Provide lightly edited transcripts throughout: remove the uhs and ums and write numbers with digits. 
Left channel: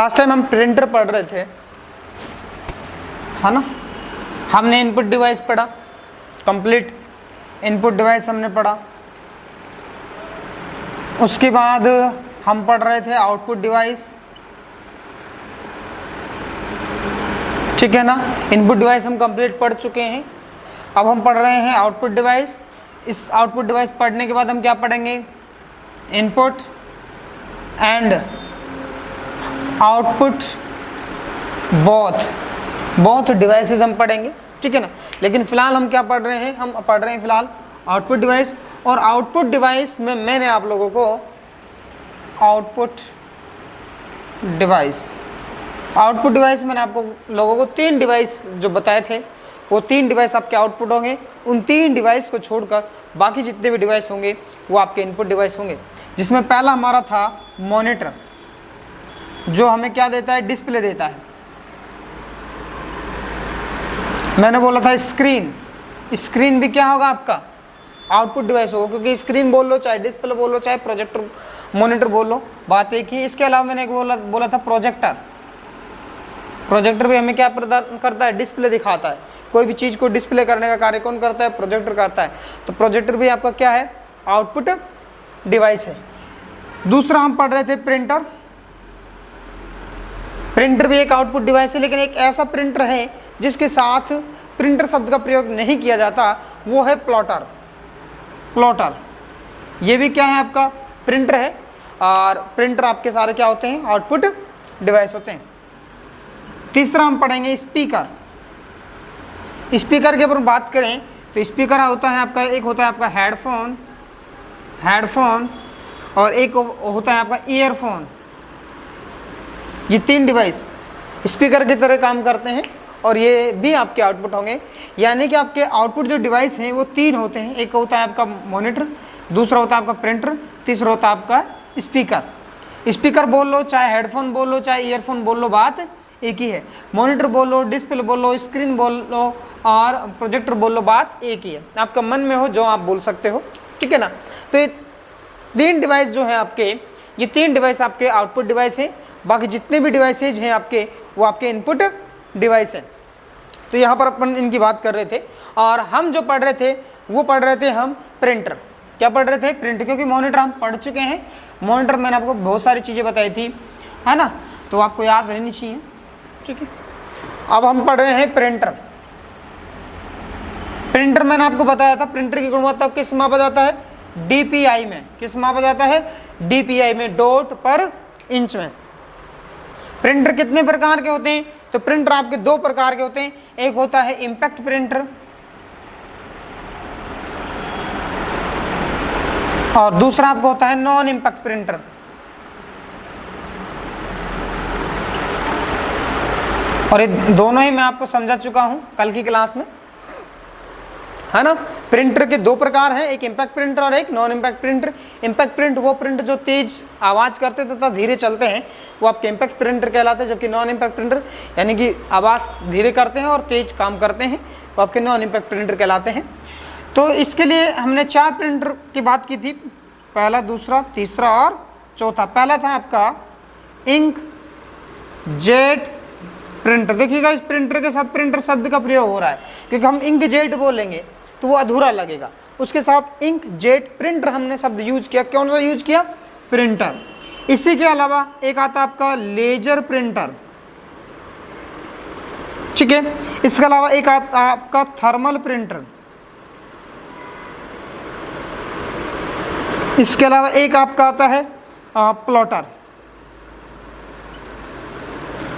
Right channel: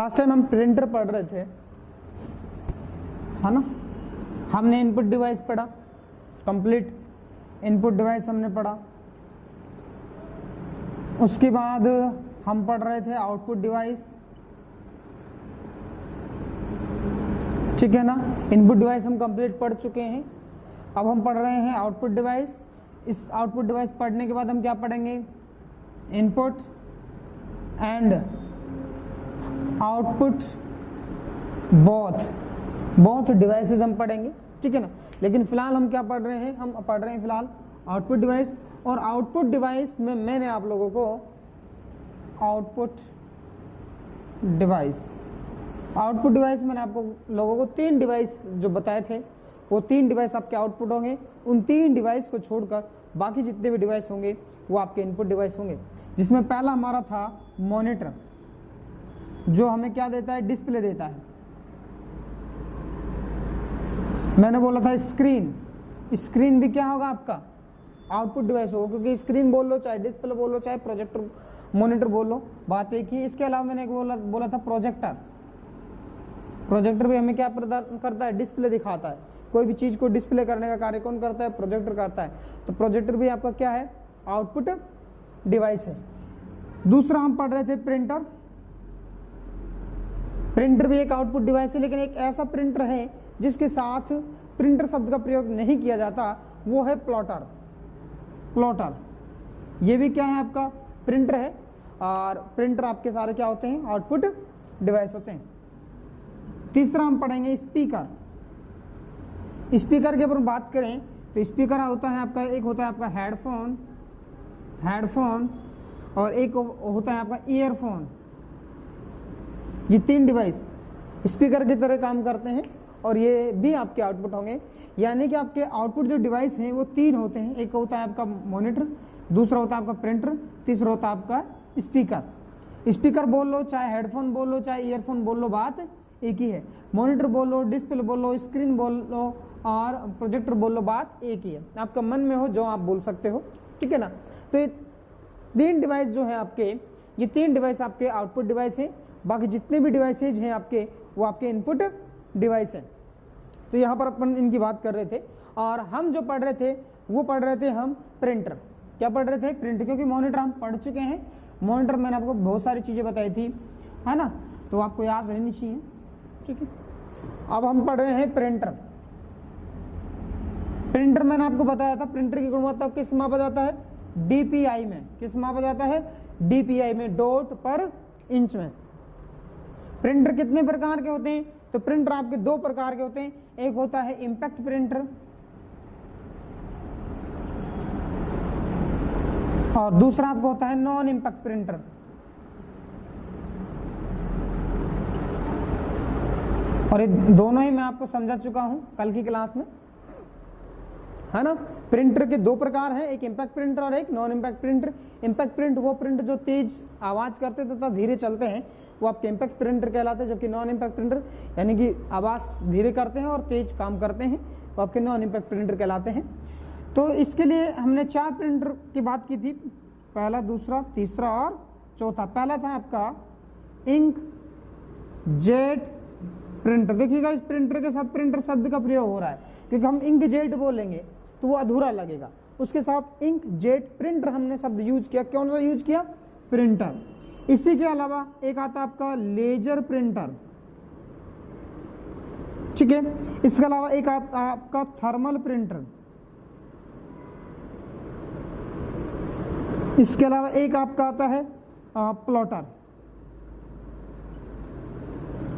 Last time हम printer पढ़ रहे थे, है ना। हमने इनपुट डिवाइस पढ़ा, कंप्लीट इनपुट डिवाइस हमने पढ़ा। उसके बाद हम पढ़ रहे थे आउटपुट डिवाइस, ठीक है ना। इनपुट डिवाइस हम कंप्लीट पढ़ चुके हैं। अब हम पढ़ रहे हैं आउटपुट डिवाइस। इस आउटपुट डिवाइस पढ़ने के बाद हम क्या पढ़ेंगे, input and output both devices हम पढ़ेंगे, ठीक है ना। लेकिन फिलहाल हम क्या पढ़ रहे हैं, हम पढ़ रहे हैं फिलहाल आउटपुट डिवाइस। और आउटपुट डिवाइस में मैंने आप लोगों को आउटपुट डिवाइस मैंने आपको लोगों को 3 डिवाइस जो बताए थे, वो 3 डिवाइस आपके आउटपुट होंगे। उन 3 डिवाइस को छोड़कर बाकी जितने भी डिवाइस होंगे वो आपके इनपुट डिवाइस होंगे। जिसमें पहला हमारा था मॉनिटर, जो हमें क्या देता है, डिस्प्ले देता है। मैंने बोला था स्क्रीन भी क्या होगा, आपका आउटपुट डिवाइस होगा, क्योंकि स्क्रीन बोल लो, चाहे डिस्प्ले बोल लो, चाहे प्रोजेक्टर मॉनिटर बोल लो, बात एक ही। इसके अलावा मैंने एक बोला था प्रोजेक्टर भी हमें क्या प्रदान करता है, डिस्प्ले दिखाता है। कोई भी चीज़ को डिस्प्ले करने का कार्य कौन करता है, प्रोजेक्टर करता है। तो प्रोजेक्टर भी आपका क्या है, आउटपुट डिवाइस है। दूसरा हम पढ़ रहे थे प्रिंटर भी एक आउटपुट डिवाइस है, लेकिन एक ऐसा प्रिंटर है जिसके साथ प्रिंटर शब्द का प्रयोग नहीं किया जाता, वो है प्लॉटर। ये भी क्या है, आपका प्रिंटर है। और प्रिंटर आपके सारे क्या होते हैं, आउटपुट डिवाइस होते हैं। तीसरा हम पढ़ेंगे स्पीकर के ऊपर बात करें तो स्पीकर होता है आपका, एक होता है आपका हेडफोन और एक होता है आपका ईयरफोन। ये 3 डिवाइस स्पीकर की तरह काम करते हैं और ये भी आपके आउटपुट होंगे। यानी कि आपके आउटपुट जो डिवाइस हैं वो 3 होते हैं। एक होता है आपका मॉनिटर, दूसरा होता है आपका प्रिंटर, तीसरा होता है आपका स्पीकर बोल लो, चाहे हेडफोन बोल लो, चाहे ईयरफोन बोल लो, बात एक ही है। मॉनिटर बोल लो, डिस्प्ले बोल लो, स्क्रीन बोल लो और प्रोजेक्टर बोल लो, बात एक ही है। आपका मन में हो जो आप बोल सकते हो, ठीक है ना। तो ये 3 डिवाइस जो है आपके, ये 3 डिवाइस आपके आउटपुट डिवाइस है। बाकी जितने भी डिवाइसेज हैं आपके, वो आपके इनपुट डिवाइस है। तो यहाँ पर अपन इनकी बात कर रहे थे। और हम जो पढ़ रहे थे वो पढ़ रहे थे हम प्रिंटर। क्या पढ़ रहे थे, प्रिंटर, क्योंकि मॉनिटर हम पढ़ चुके हैं। मॉनिटर मैंने आपको बहुत सारी चीज़ें बताई थी, है ना, तो आपको याद रहनी चाहिए, ठीक है। अब हम पढ़ रहे हैं प्रिंटर मैंने आपको बताया था प्रिंटर की गुणवत्ता किस मापा जाता है, DPI में। किस मापा जाता है, DPI में, डॉट पर इंच में। प्रिंटर कितने प्रकार के होते हैं, तो प्रिंटर आपके 2 प्रकार के होते हैं। एक होता है इम्पैक्ट प्रिंटर और दूसरा आपको होता है नॉन इम्पैक्ट प्रिंटर। और ये दोनों ही मैं आपको समझा चुका हूं कल की क्लास में, है ना। प्रिंटर के 2 प्रकार हैं, एक इम्पैक्ट प्रिंटर और एक non impact printer. Impact print वो प्रिंट जो तेज आवाज़ करते तथा धीरे चलते हैं, वो आपके इम्पैक्ट प्रिंटर कहलाते हैं। जबकि नॉन इम्पैक्ट प्रिंटर यानी कि आवाज़ धीरे करते हैं और तेज काम करते हैं, वो आपके नॉन इम्पैक्ट प्रिंटर कहलाते हैं। तो इसके लिए हमने 4 प्रिंटर की बात की थी, पहला, दूसरा, तीसरा और चौथा। पहला था आपका इंक जेट प्रिंटर। देखिएगा इस प्रिंटर के साथ प्रिंटर शब्द का प्रयोग हो रहा है, क्योंकि हम इंक जेट बोलेंगे तो वो अधूरा लगेगा। उसके साथ इंक जेट प्रिंटर हमने शब्द यूज किया। कौन सा यूज किया, प्रिंटर। इसी के अलावा एक आता आपका लेजर प्रिंटर, ठीक है। इसके अलावा एक आता आपका थर्मल प्रिंटर। इसके अलावा एक आपका आता है प्लॉटर।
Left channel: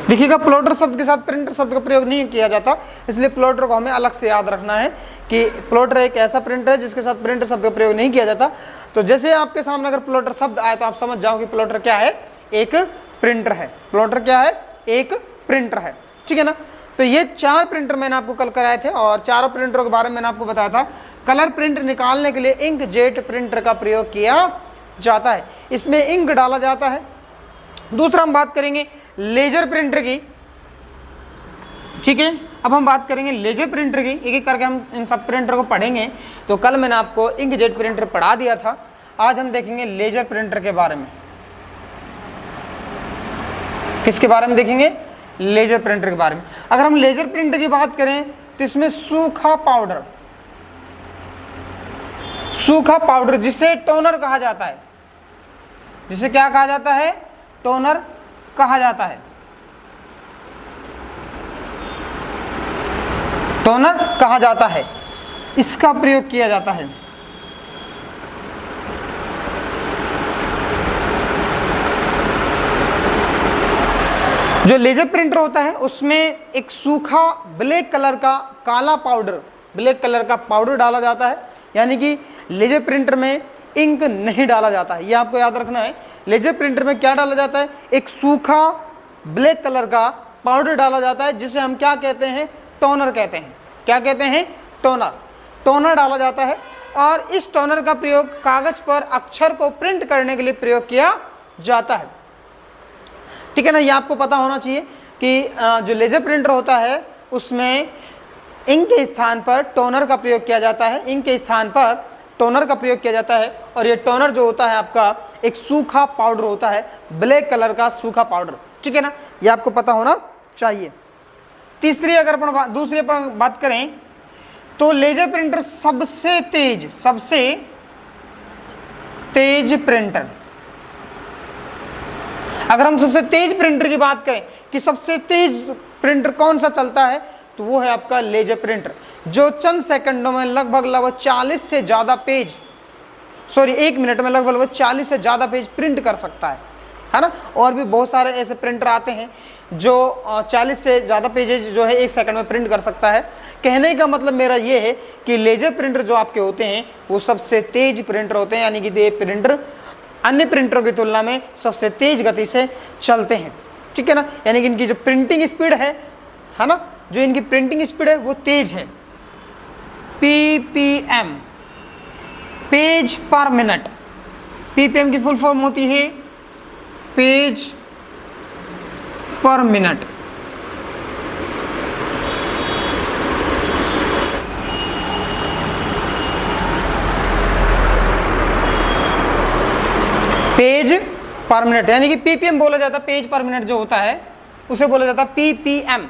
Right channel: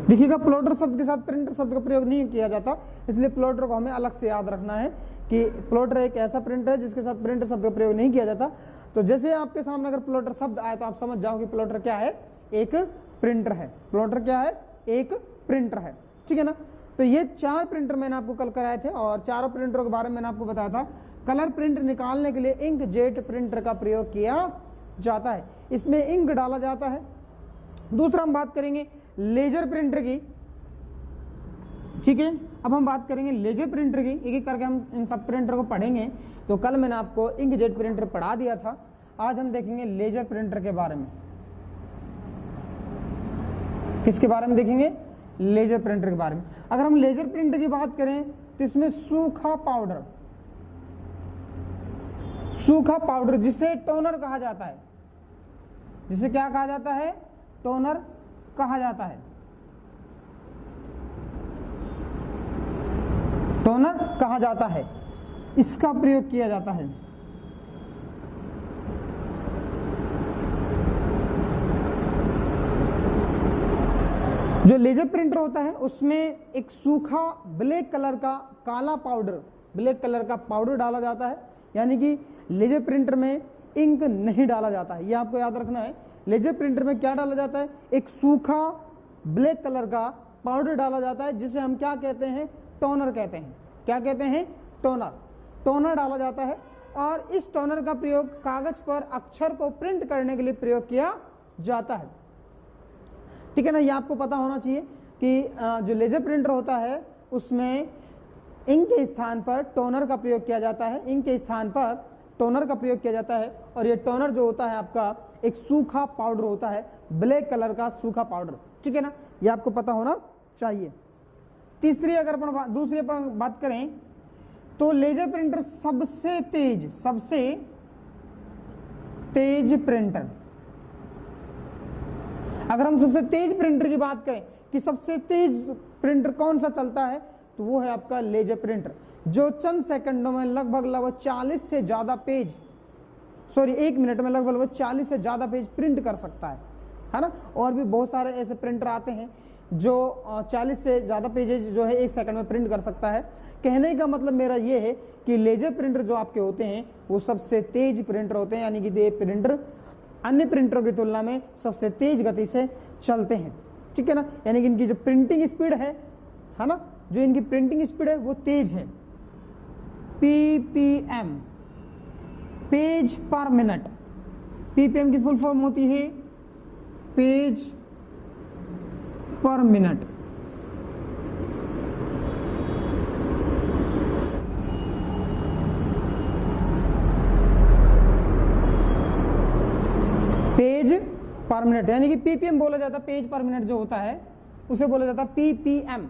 देखिएगा प्लॉटर शब्द के साथ प्रिंटर शब्द का प्रयोग नहीं किया जाता, इसलिए प्लॉटर को हमें अलग से याद रखना है कि प्लॉटर एक ऐसा प्रिंटर है जिसके साथ प्रिंटर शब्द का प्रयोग नहीं किया जाता। तो जैसे आपके सामने अगर प्लॉटर शब्द आए तो आप समझ जाओ कि प्लॉटर क्या है, एक प्रिंटर है। प्लॉटर क्या है, एक प्रिंटर है, ठीक है ना। तो ये 4 प्रिंटर मैंने आपको कल कराए थे और चारों प्रिंटरों के बारे में मैंने आपको बताया था। कलर प्रिंट निकालने के लिए इंक जेट प्रिंटर का प्रयोग किया जाता है, इसमें इंक डाला जाता है। दूसरा हम बात करेंगे लेजर प्रिंटर की, ठीक है। अब हम बात करेंगे लेजर प्रिंटर की, एक एक करके हम इन सब प्रिंटर को पढ़ेंगे। तो कल मैंने आपको इंकजेट प्रिंटर पढ़ा दिया था, आज हम देखेंगे लेजर प्रिंटर के बारे में। किसके बारे में देखेंगे? लेजर प्रिंटर के बारे में। अगर हम लेजर प्रिंटर की बात करें तो इसमें सूखा पाउडर जिसे टोनर कहा जाता है, जिसे क्या कहा जाता है? टोनर कहा जाता है, टोनर कहा जाता है, इसका प्रयोग किया जाता है। जो लेजर प्रिंटर होता है उसमें एक सूखा ब्लैक कलर का पाउडर डाला जाता है, यानी कि लेजर प्रिंटर में इंक नहीं डाला जाता है। यह आपको याद रखना है। लेजर प्रिंटर में क्या डाला जाता है? एक सूखा ब्लैक कलर का पाउडर डाला जाता है, जिसे हम क्या कहते हैं? टोनर कहते हैं। क्या कहते हैं? टोनर डाला जाता है। और इस टोनर का प्रयोग कागज पर अक्षर को प्रिंट करने के लिए प्रयोग किया जाता है। ठीक है ना? ये आपको पता होना चाहिए कि जो लेजर प्रिंटर होता है उसमें इंक के स्थान पर टोनर का प्रयोग किया जाता है, इंक के स्थान पर टोनर का प्रयोग किया जाता है। और ये टोनर जो होता है आपका एक सूखा पाउडर होता है, ब्लैक कलर का सूखा पाउडर। ठीक है ना? ये आपको पता होना चाहिए। तीसरी अगर अपन दूसरी पर बात करें तो लेजर प्रिंटर सबसे तेज प्रिंटर। अगर हम सबसे तेज प्रिंटर की बात करें कि सबसे तेज प्रिंटर कौन सा चलता है, तो वो है आपका लेजर प्रिंटर, जो चंद सेकंडों में लगभग 40 से ज़्यादा पेज, 1 मिनट में लगभग 40 से ज़्यादा पेज प्रिंट कर सकता है ना? और भी बहुत सारे ऐसे प्रिंटर आते हैं जो 40 से ज़्यादा पेजेज जो है 1 सेकंड में प्रिंट कर सकता है। कहने का मतलब मेरा ये है कि लेजर प्रिंटर जो आपके होते हैं वो सबसे तेज प्रिंटर होते हैं, यानी कि ये प्रिंटर अन्य प्रिंटरों की तुलना में सबसे तेज गति से चलते हैं। ठीक है ना? यानी कि इनकी जो प्रिंटिंग स्पीड है ना, जो इनकी प्रिंटिंग स्पीड है वो तेज है। PPM, पेज पर मिनट। PPM की फुल फॉर्म होती है पेज पर मिनट। पेज पर मिनट यानी कि PPM बोला जाता है। पेज पर मिनट जो होता है उसे बोला जाता है PPM।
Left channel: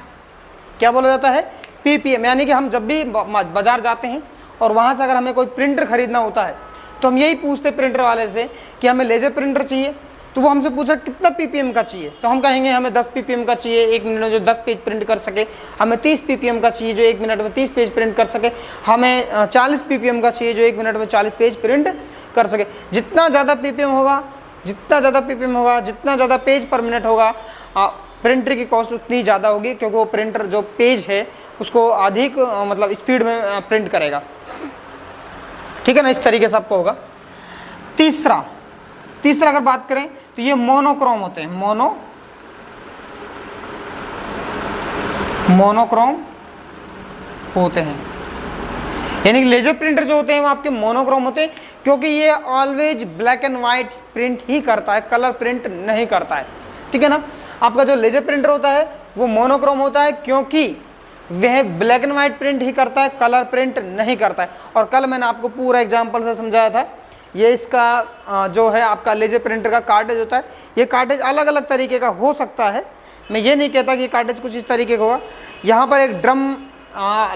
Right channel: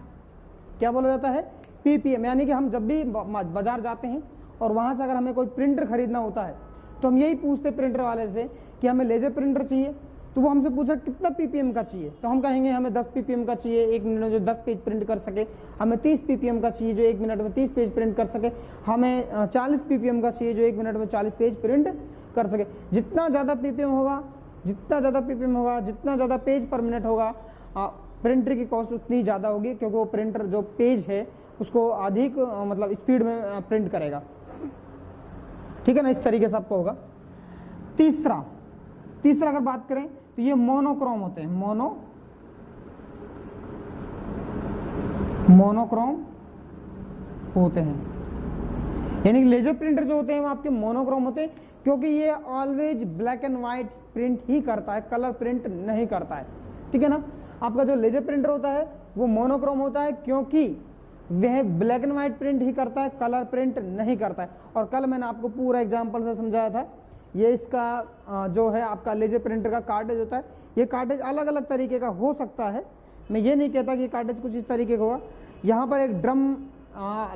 क्या बोला जाता है? PPM। यानी कि हम जब भी बाजार जाते हैं और वहां से अगर हमें कोई प्रिंटर खरीदना होता है तो हम यही पूछते प्रिंटर वाले से कि हमें लेजर प्रिंटर चाहिए, तो वो हमसे पूछा कितना PPM का चाहिए, तो हम कहेंगे हमें 10 PPM का चाहिए, 1 मिनट में जो 10 पेज प्रिंट कर सके। हमें 30 PPM का चाहिए जो 1 मिनट में 30 पेज प्रिंट कर सके। हमें 40 PPM का चाहिए जो 1 मिनट में 40 पेज प्रिंट कर सके। जितना ज़्यादा PPM होगा, जितना ज़्यादा पेज पर मिनट होगा, प्रिंटर की कॉस्ट उतनी ज़्यादा होगी, क्योंकि वो प्रिंटर जो पेज है उसको अधिक मतलब स्पीड में प्रिंट करेगा। ठीक है ना? इस तरीके से आपको होगा। तीसरा अगर बात करें तो ये मोनोक्रोम होते हैं। मोनोक्रोम होते हैं, यानी कि लेजर प्रिंटर जो होते हैं वो आपके मोनोक्रोम होते हैं, क्योंकि ये always black and white print ही करता है, कलर प्रिंट नहीं करता है। ठीक है ना? आपका जो लेजर प्रिंटर होता है वो मोनोक्रोम होता है, क्योंकि वह ब्लैक एंड व्हाइट प्रिंट ही करता है, कलर प्रिंट नहीं करता है। और कल मैंने आपको पूरा एग्जांपल से समझाया था। ये इसका जो है आपका लेजर प्रिंटर का कार्टेज होता है। ये कार्टेज अलग अलग तरीके का हो सकता है, मैं ये नहीं कहता कि कार्टेज कुछ इस तरीके का होगा। यहाँ पर एक ड्रम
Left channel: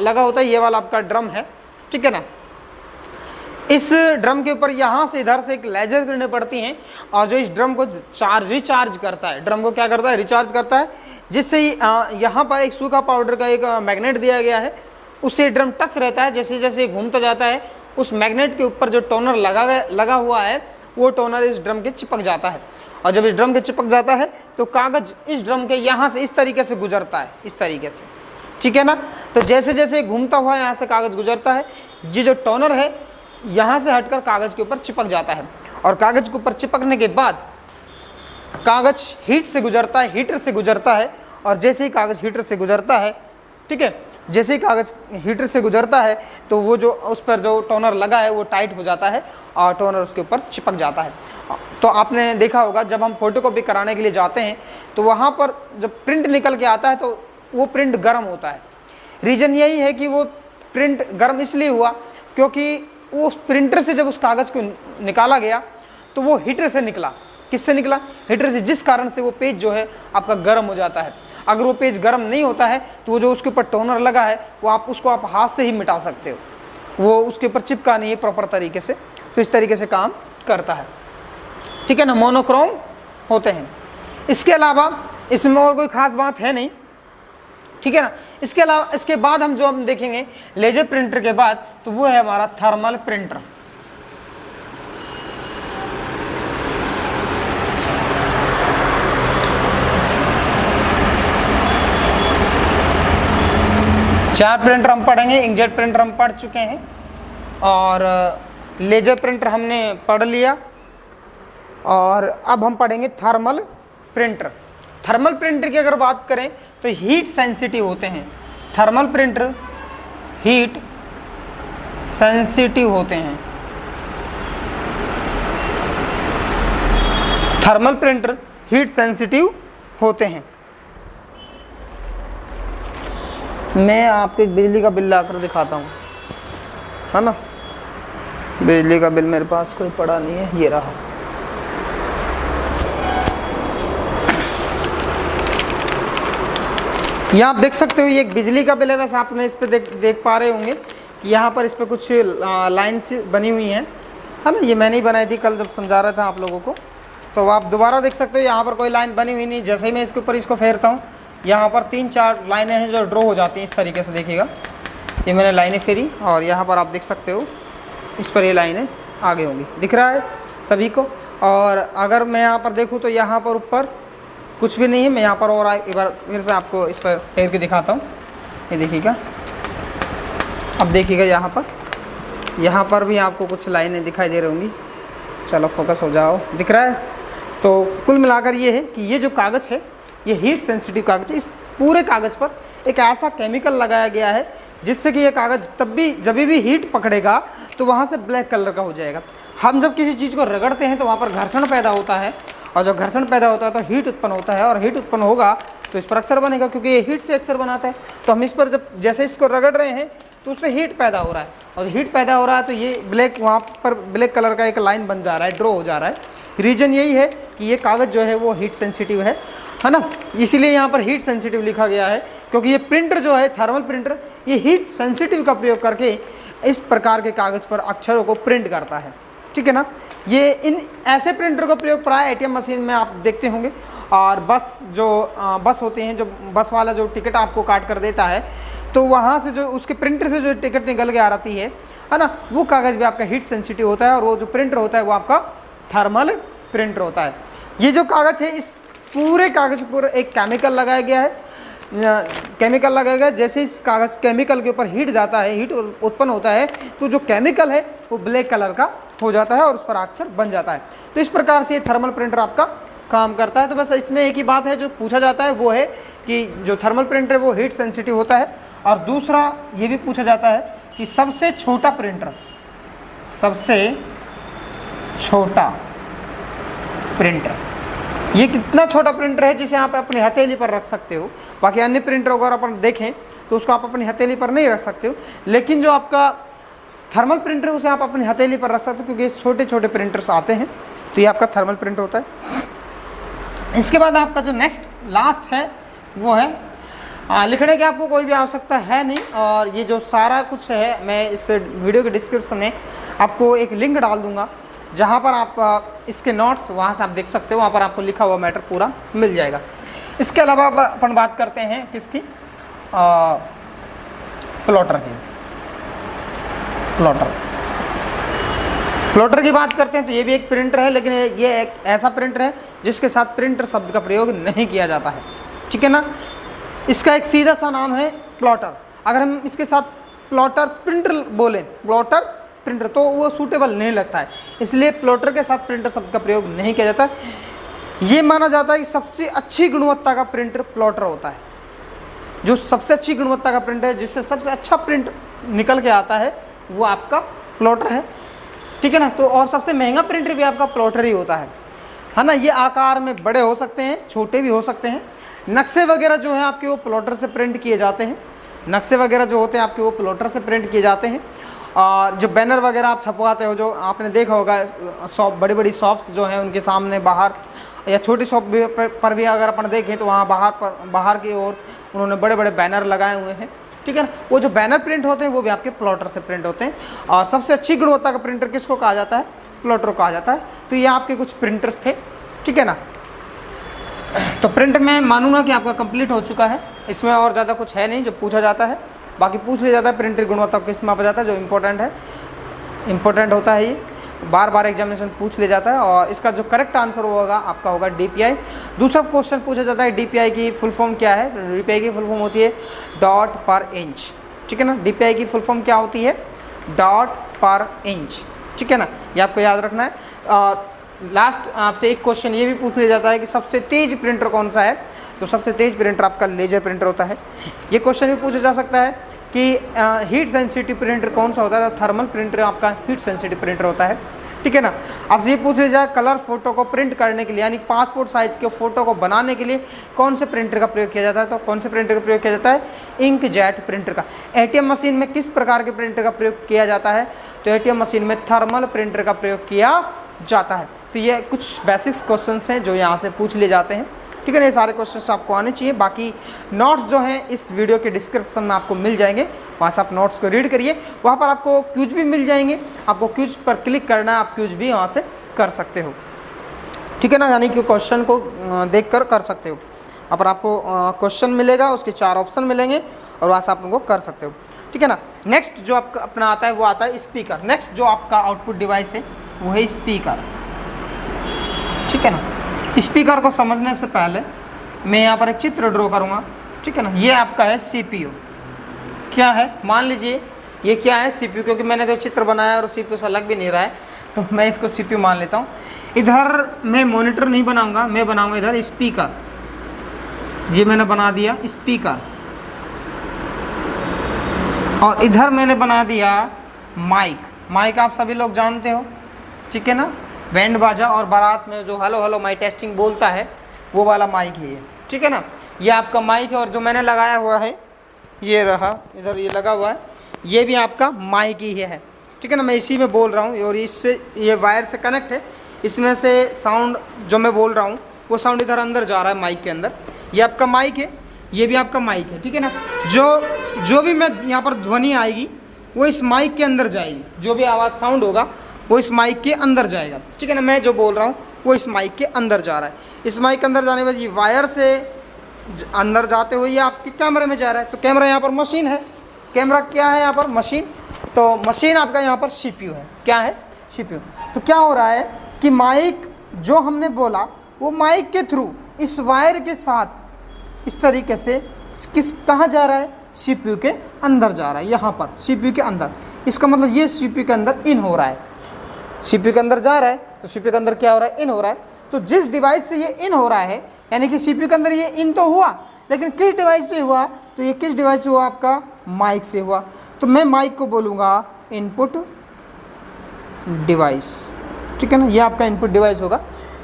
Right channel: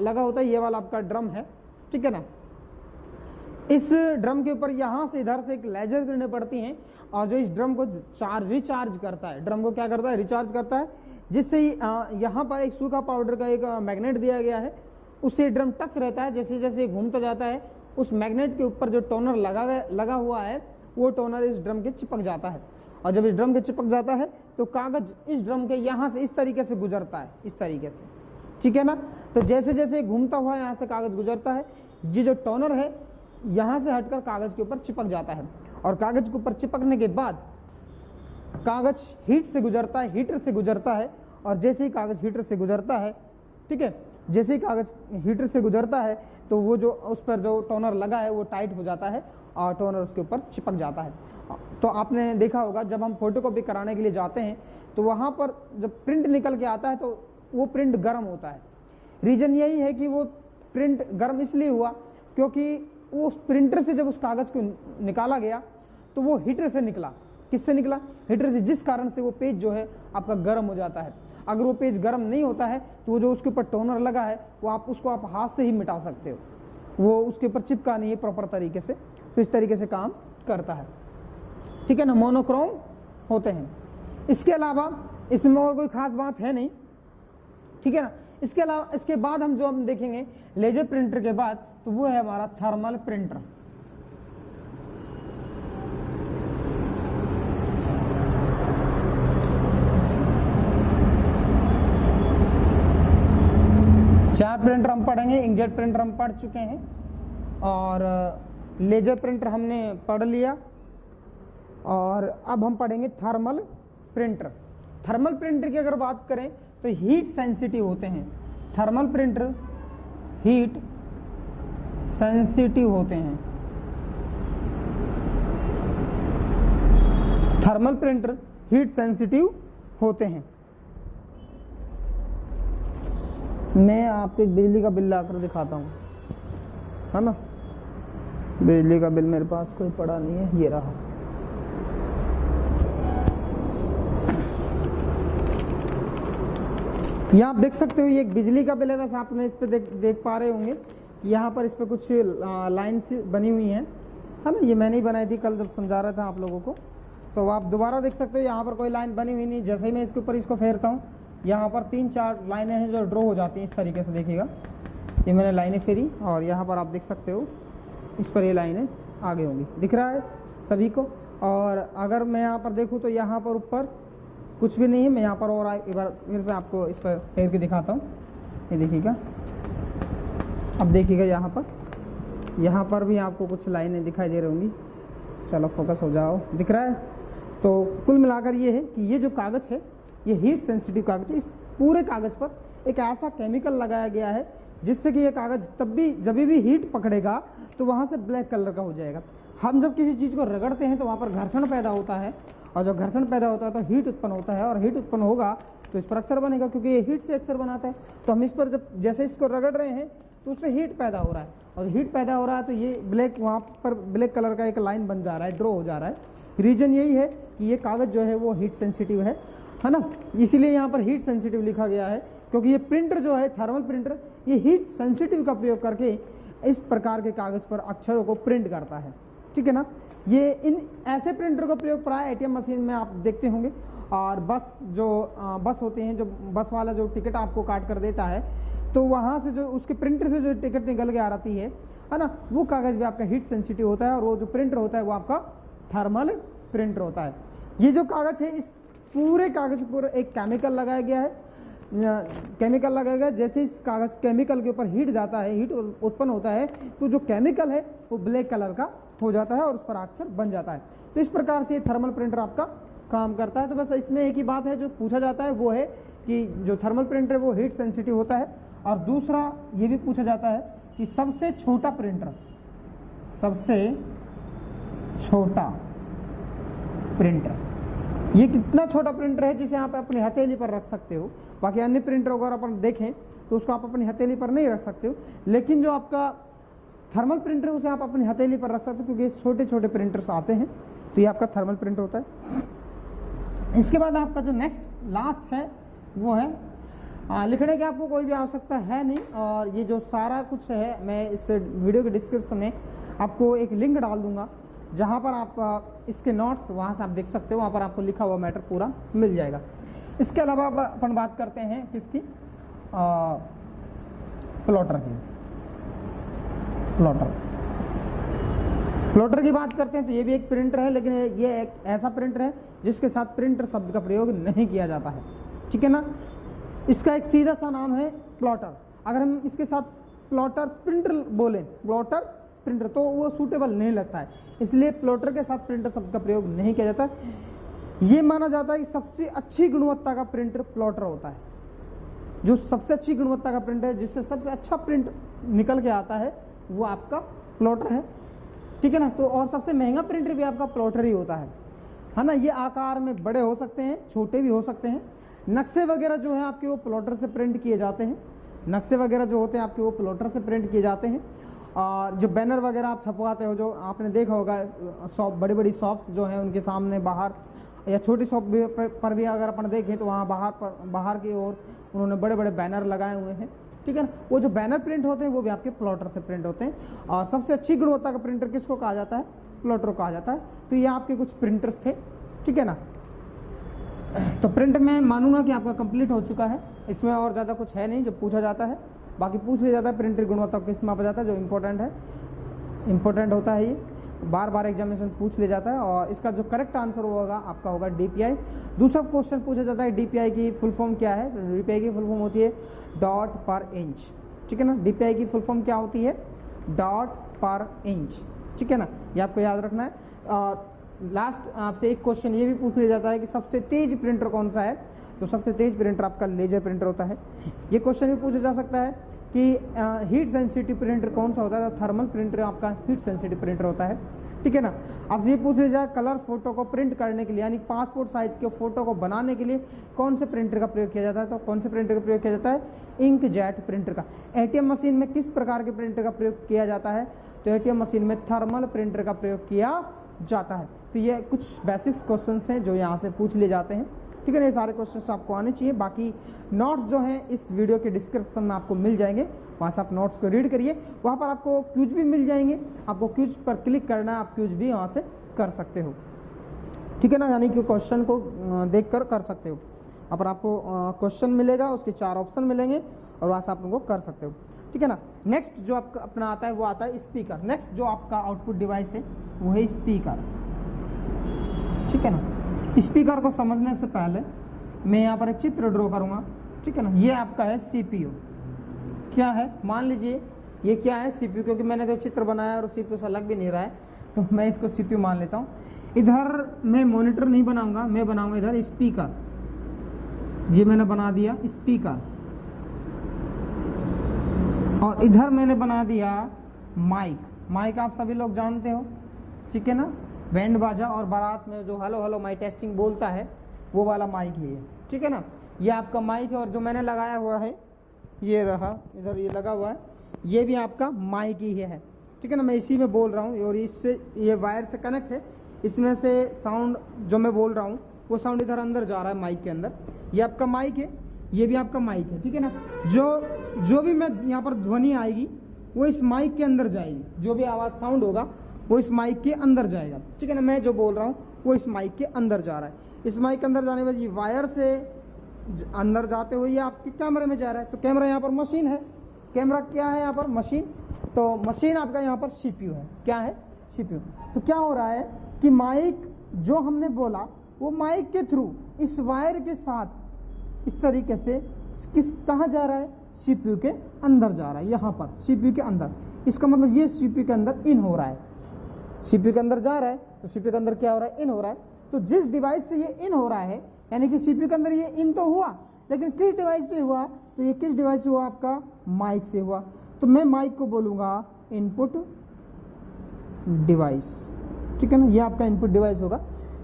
लगा होता है, ये वाला आपका ड्रम है। ठीक है ना? इस ड्रम के ऊपर यहाँ से इधर से एक लेजर किरणें पड़ती हैं, और जो इस ड्रम को रिचार्ज करता है, ड्रम को क्या करता है? रिचार्ज करता है, जिससे यहाँ पर एक सूखा पाउडर का एक मैग्नेट दिया गया है, उससे ड्रम टच रहता है। जैसे जैसे घूमता जाता है उस मैग्नेट के ऊपर जो टोनर लगा हुआ है वो टोनर इस ड्रम के चिपक जाता है, और जब इस ड्रम के चिपक जाता है तो कागज इस ड्रम के यहाँ से इस तरीके से गुजरता है, इस तरीके से। ठीक है ना? तो जैसे जैसे घूमता हुआ यहाँ से कागज गुजरता है, ये जो टोनर है यहाँ से हटकर कागज के ऊपर चिपक जाता है, और कागज के ऊपर चिपकने के बाद कागज हीटर से गुजरता है, और जैसे ही कागज हीटर से गुजरता है, ठीक है, जैसे ही कागज हीटर से गुजरता है तो वो जो उस पर जो टोनर लगा है वो टाइट हो जाता है और टोनर उसके ऊपर चिपक जाता है। तो आपने देखा होगा जब हम फोटोकॉपी कराने के लिए जाते हैं तो वहाँ पर जब प्रिंट निकल के आता है तो वो प्रिंट गर्म होता है। रीज़न यही है कि वो प्रिंट गर्म इसलिए हुआ क्योंकि उस प्रिंटर से जब उस कागज़ को निकाला गया तो वो हीटर से निकला, किससे निकला? हीटर से, जिस कारण से वो पेज जो है आपका गर्म हो जाता है। अगर वो पेज गर्म नहीं होता है तो वो जो उसके ऊपर टोनर लगा है वो उसको आप हाथ से ही मिटा सकते हो, वो उसके ऊपर चिपका नहीं है प्रॉपर तरीके से, तो इस तरीके से काम करता है, ठीक है ना। मोनोक्रोम होते हैं। इसके अलावा इसमें और कोई खास बात है नहीं, ठीक है ना। इसके अलावा इसके बाद हम देखेंगे लेजर प्रिंटर के बाद, तो वो है हमारा थर्मल प्रिंटर। चार प्रिंटर हम पढ़ेंगे। इंकजेट प्रिंटर हम पढ़ चुके हैं और लेजर प्रिंटर हमने पढ़ लिया, और अब हम पढ़ेंगे थर्मल प्रिंटर। थर्मल प्रिंटर की अगर बात करें तो हीट सेंसिटिव होते हैं। थर्मल प्रिंटर हीट सेंसिटिव होते हैं। थर्मल प्रिंटर हीट सेंसिटिव होते हैं। मैं आपको एक बिजली का बिल लाकर दिखाता हूँ, है ना। बिजली का बिल मेरे पास कोई पड़ा नहीं है, ये रहा। यहाँ आप देख सकते हो ये एक बिजली का बिल है। वैसे आपने इस पे देख पा रहे होंगे कि यहाँ पर इस पे कुछ लाइन्स बनी हुई हैं, है ना। ये मैंने ही बनाई थी कल जब समझा रहा था आप लोगों को, तो आप दोबारा देख सकते हो यहाँ पर कोई लाइन बनी हुई नहीं। जैसे ही मैं इसके ऊपर इसको फेरता हूँ, यहाँ पर 3-4 लाइनें हैं जो ड्रॉ हो जाती हैं इस तरीके से। देखिएगा, ये मैंने लाइनें फेरी और यहाँ पर आप देख सकते हो इस पर ये लाइनें आगे होंगी, दिख रहा है सभी को। और अगर मैं यहाँ पर देखूँ तो यहाँ पर ऊपर कुछ भी नहीं है। मैं यहाँ पर और एक बार फिर से आपको इस पर फेर के दिखाता हूँ। ये देखिएगा, अब देखिएगा यहाँ पर भी आपको कुछ लाइनें दिखाई दे रही होंगी। चलो फोकस हो जाओ, दिख रहा है। तो कुल मिलाकर ये है कि ये जो कागज़ है ये हीट सेंसिटिव कागज़ है। इस पूरे कागज़ पर एक ऐसा केमिकल लगाया गया है जिससे कि ये कागज़ जब भी हीट पकड़ेगा तो वहाँ से ब्लैक कलर का हो जाएगा। हम जब किसी चीज़ को रगड़ते हैं तो वहाँ पर घर्षण पैदा होता है, और जब घर्षण पैदा होता है तो हीट उत्पन्न होता है, और हीट उत्पन्न होगा तो इस पर अक्षर बनेगा, क्योंकि ये हीट से अक्षर बनाता है। तो हम इस पर जब जैसे इसको रगड़ रहे हैं तो उससे हीट पैदा हो रहा है, और हीट पैदा हो रहा है तो ये ब्लैक, वहाँ पर ब्लैक कलर का एक लाइन बन जा रहा है, ड्रॉ हो जा रहा है। रीज़न यही है कि ये कागज़ जो है वो हीट सेंसिटिव है ना। इसीलिए यहाँ पर हीट सेंसिटिव लिखा गया है, क्योंकि ये प्रिंटर जो है थर्मल प्रिंटर, ये हीट सेंसिटिव का प्रयोग करके इस प्रकार के कागज़ पर अक्षरों को प्रिंट करता है, ठीक है ना। ये इन ऐसे प्रिंटर का प्रयोग प्राय एटीएम मशीन में आप देखते होंगे, और बस होते हैं, जो बस वाला जो टिकट आपको काट कर देता है, तो वहाँ से जो उसके प्रिंटर से जो टिकट निकल के आ रही है ना, वो कागज़ भी आपका हीट सेंसिटिव होता है, और वो जो प्रिंटर होता है वो आपका थर्मल प्रिंटर होता है। ये जो कागज़ है, इस पूरे कागज़ पर एक केमिकल लगाया गया है। केमिकल लगाया गया, जैसे इस कागज़ केमिकल के ऊपर हीट जाता है, हीट उत्पन्न होता है, तो जो केमिकल है वो ब्लैक कलर का हो जाता है और उस पर अक्षर बन जाता है। तो इस प्रकार से ये थर्मल प्रिंटर आपका काम करता है। तो बस इसमें एक ही बात है जो पूछा जाता है, वो है कि जो थर्मल प्रिंटर है वो हीट सेंसिटिव होता है, और दूसरा ये भी पूछा जाता है कि सबसे छोटा प्रिंटर ये कितना छोटा प्रिंटर है जिसे आप अपनी हथेली पर रख सकते हो। बाकी अन्य प्रिंटर अगर अपन देखें तो उसको आप अपनी हथेली पर नहीं रख सकते हो, लेकिन जो आपका थर्मल प्रिंटर है उसे आप अपनी हथेली पर रख सकते हो, क्योंकि छोटे छोटे प्रिंटर्स आते हैं। तो ये आपका थर्मल प्रिंटर होता है। इसके बाद आपका जो नेक्स्ट लास्ट है वो है लिखने की आपको कोई भी आवश्यकता है नहीं, और ये जो सारा कुछ है मैं इस वीडियो के डिस्क्रिप्शन में आपको एक लिंक डाल दूंगा, जहाँ पर आप इसके नोट्स वहाँ से आप देख सकते हो, वहाँ पर आपको लिखा हुआ मैटर पूरा मिल जाएगा। इसके अलावा अपन बात करते हैं किसकी, प्लॉटर की। प्लॉटर की बात करते हैं तो ये भी एक प्रिंटर है, लेकिन ये एक ऐसा प्रिंटर है जिसके साथ प्रिंटर शब्द का प्रयोग नहीं किया जाता है, ठीक है ना। इसका एक सीधा सा नाम है प्लॉटर। अगर हम इसके साथ प्लॉटर प्रिंटर बोलें, प्लॉटर प्रिंटर, तो वो सूटेबल नहीं लगता है, इसलिए प्लॉटर के साथ प्रिंटर शब्द का प्रयोग नहीं किया जाता। ये माना जाता है कि सबसे अच्छी गुणवत्ता का प्रिंटर प्लॉटर होता है। जो सबसे अच्छी गुणवत्ता का प्रिंटर है, जिससे सबसे अच्छा प्रिंट निकल के आता है, वो आपका प्लॉटर है, ठीक है ना। तो और सबसे महंगा प्रिंटर भी आपका प्लॉटर ही होता है ना। ये आकार में बड़े हो सकते हैं, छोटे भी हो सकते हैं। नक्शे वगैरह जो है आपके वो प्लॉटर से प्रिंट किए जाते हैं। नक्शे वगैरह जो होते हैं आपके वो प्लॉटर से प्रिंट किए जाते हैं। और जो बैनर वगैरह आप छपवाते हो, जो आपने देखा होगा शॉप, बड़ी बड़ी शॉप्स जो हैं उनके सामने बाहर, या छोटी शॉप पर भी अगर अपन देखें तो वहाँ बाहर की ओर उन्होंने बड़े बड़े बैनर लगाए हुए हैं, ठीक है ना। वो जो बैनर प्रिंट होते हैं वो भी आपके प्लॉटर से प्रिंट होते हैं। और सबसे अच्छी गुणवत्ता का प्रिंटर किसको कहा जाता है? प्लॉटर कहा जाता है। तो ये आपके कुछ प्रिंटर्स थे, ठीक है ना। तो प्रिंट में मानूंगा कि आपका कंप्लीट हो चुका है, इसमें और ज़्यादा कुछ है नहीं जो पूछा जाता है। बाकी पूछ लिया जाता है प्रिंटर की गुणवत्ता किस मापा जाता है, जो इम्पोर्टेंट है, इम्पोर्टेंट होता है, ये बार बार एग्जामिनेशन पूछ लिया जाता है। और इसका जो करेक्ट आंसर होगा आपका होगा DPI। दूसरा क्वेश्चन पूछा जाता है DPI की फुल फॉर्म क्या है? DPI की फुल फॉर्म होती है डॉट पर इंच, ठीक है ना। DPI की फुल फॉर्म क्या होती है? डॉट पर इंच, ठीक है ना, ये आपको याद रखना है। और लास्ट आपसे एक क्वेश्चन ये भी पूछ लिया जाता है कि सबसे तेज प्रिंटर कौन सा है? तो सबसे तेज प्रिंटर आपका लेजर प्रिंटर होता है। ये क्वेश्चन भी पूछा जा सकता है कि हीट सेंसिटिव प्रिंटर कौन सा होता है? तो थर्मल प्रिंटर आपका हीट सेंसिटिव प्रिंटर होता है, ठीक है ना। आपसे ये पूछ लिया जाए कलर फोटो को प्रिंट करने के लिए, यानी पासपोर्ट साइज के फोटो को बनाने के लिए कौन से प्रिंटर का प्रयोग किया जाता है? तो कौन से प्रिंटर का प्रयोग किया जाता है? इंकजेट प्रिंटर का। ATM मशीन में किस प्रकार के प्रिंटर का प्रयोग किया जाता है? तो ATM मशीन में थर्मल प्रिंटर का प्रयोग किया जाता है। तो ये कुछ बेसिक्स क्वेश्चंस हैं जो यहाँ से पूछ लिए जाते हैं, ठीक है ना। ये सारे क्वेश्चंस आपको आने चाहिए। बाकी नोट्स जो हैं इस वीडियो के डिस्क्रिप्शन में आपको मिल जाएंगे, वहाँ से आप नोट्स को रीड करिए। वहाँ पर आपको क्यूज भी मिल जाएंगे, आपको क्यूज पर क्लिक करना है, आप क्यूज भी वहाँ से कर सकते हो, ठीक है ना। यानी कि क्वेश्चन को देख कर सकते हो। वहाँ पर आपको क्वेश्चन मिलेगा, उसके 4 ऑप्शन मिलेंगे और वहाँ से आप उनको कर सकते हो, ठीक है ना। नेक्स्ट जो आपका अपना आता है वो आता है स्पीकर। नेक्स्ट जो आपका आउटपुट डिवाइस है वो है स्पीकर, ठीक है ना। स्पीकर को समझने से पहले मैं यहाँ पर एक चित्र ड्रॉ करूँगा, ठीक है ना। ये आपका है CPU। क्या है? मान लीजिए ये क्या है? CPU, क्योंकि मैंने तो चित्र बनाया और CPU से लग भी नहीं रहा है तो मैं इसको CPU मान लेता हूँ। इधर मैं मॉनिटर नहीं बनाऊंगा, मैं बनाऊंगा इधर स्पीकर। ये मैंने बना दिया स्पीकर, और इधर मैंने बना दिया माइक। माइक आप सभी लोग जानते हो, ठीक है ना। बैंड बाजा और बारात में जो हेलो हेलो माइक टेस्टिंग बोलता है वो वाला माइक है ये, ठीक है ना। ये आपका माइक है। और जो मैंने लगाया हुआ है ये रहा, इधर ये लगा हुआ है, ये भी आपका माइक ही है, ठीक है ना। मैं इसी में बोल रहा हूँ और इससे ये वायर से कनेक्ट है, इसमें से साउंड जो मैं बोल रहा हूँ वो साउंड इधर अंदर जा रहा है माइक के अंदर। ये आपका माइक है, ये भी आपका माइक है, ठीक है ना। जो भी मैं यहाँ पर ध्वनि आएगी वो इस माइक के अंदर जाएगी, जो भी आवाज़ साउंड होगा वो इस माइक के अंदर जाएगा, ठीक है ना। मैं जो बोल रहा हूँ वो इस माइक के अंदर जा रहा है। इस माइक के अंदर जाने के बाद ये वायर से अंदर जाते हुए ये आपके कैमरे में जा रहा है। तो कैमरा यहाँ पर मशीन है, कैमरा क्या है यहाँ पर? मशीन। तो मशीन आपका यहाँ पर CPU है। क्या है? CPU। तो क्या हो रहा है कि माइक जो हमने बोला वो माइक के थ्रू इस वायर के साथ इस तरीके से कहाँ जा रहा है? CPU के अंदर जा रहा है, यहाँ पर CPU के अंदर। इसका मतलब ये CPU के अंदर इन हो रहा है, CPU के अंदर जा रहा है तो CPU के अंदर क्या हो रहा है? इन हो रहा है। तो जिस डिवाइस से ये इन हो रहा है, यानी कि CPU के अंदर ये इन तो हुआ, लेकिन किस डिवाइस से हुआ? तो ये किस डिवाइस से हुआ? आपका माइक से हुआ। तो मैं माइक को बोलूँगा इनपुट डिवाइस, ठीक है ना। ये आपका इनपुट डिवाइस होगा,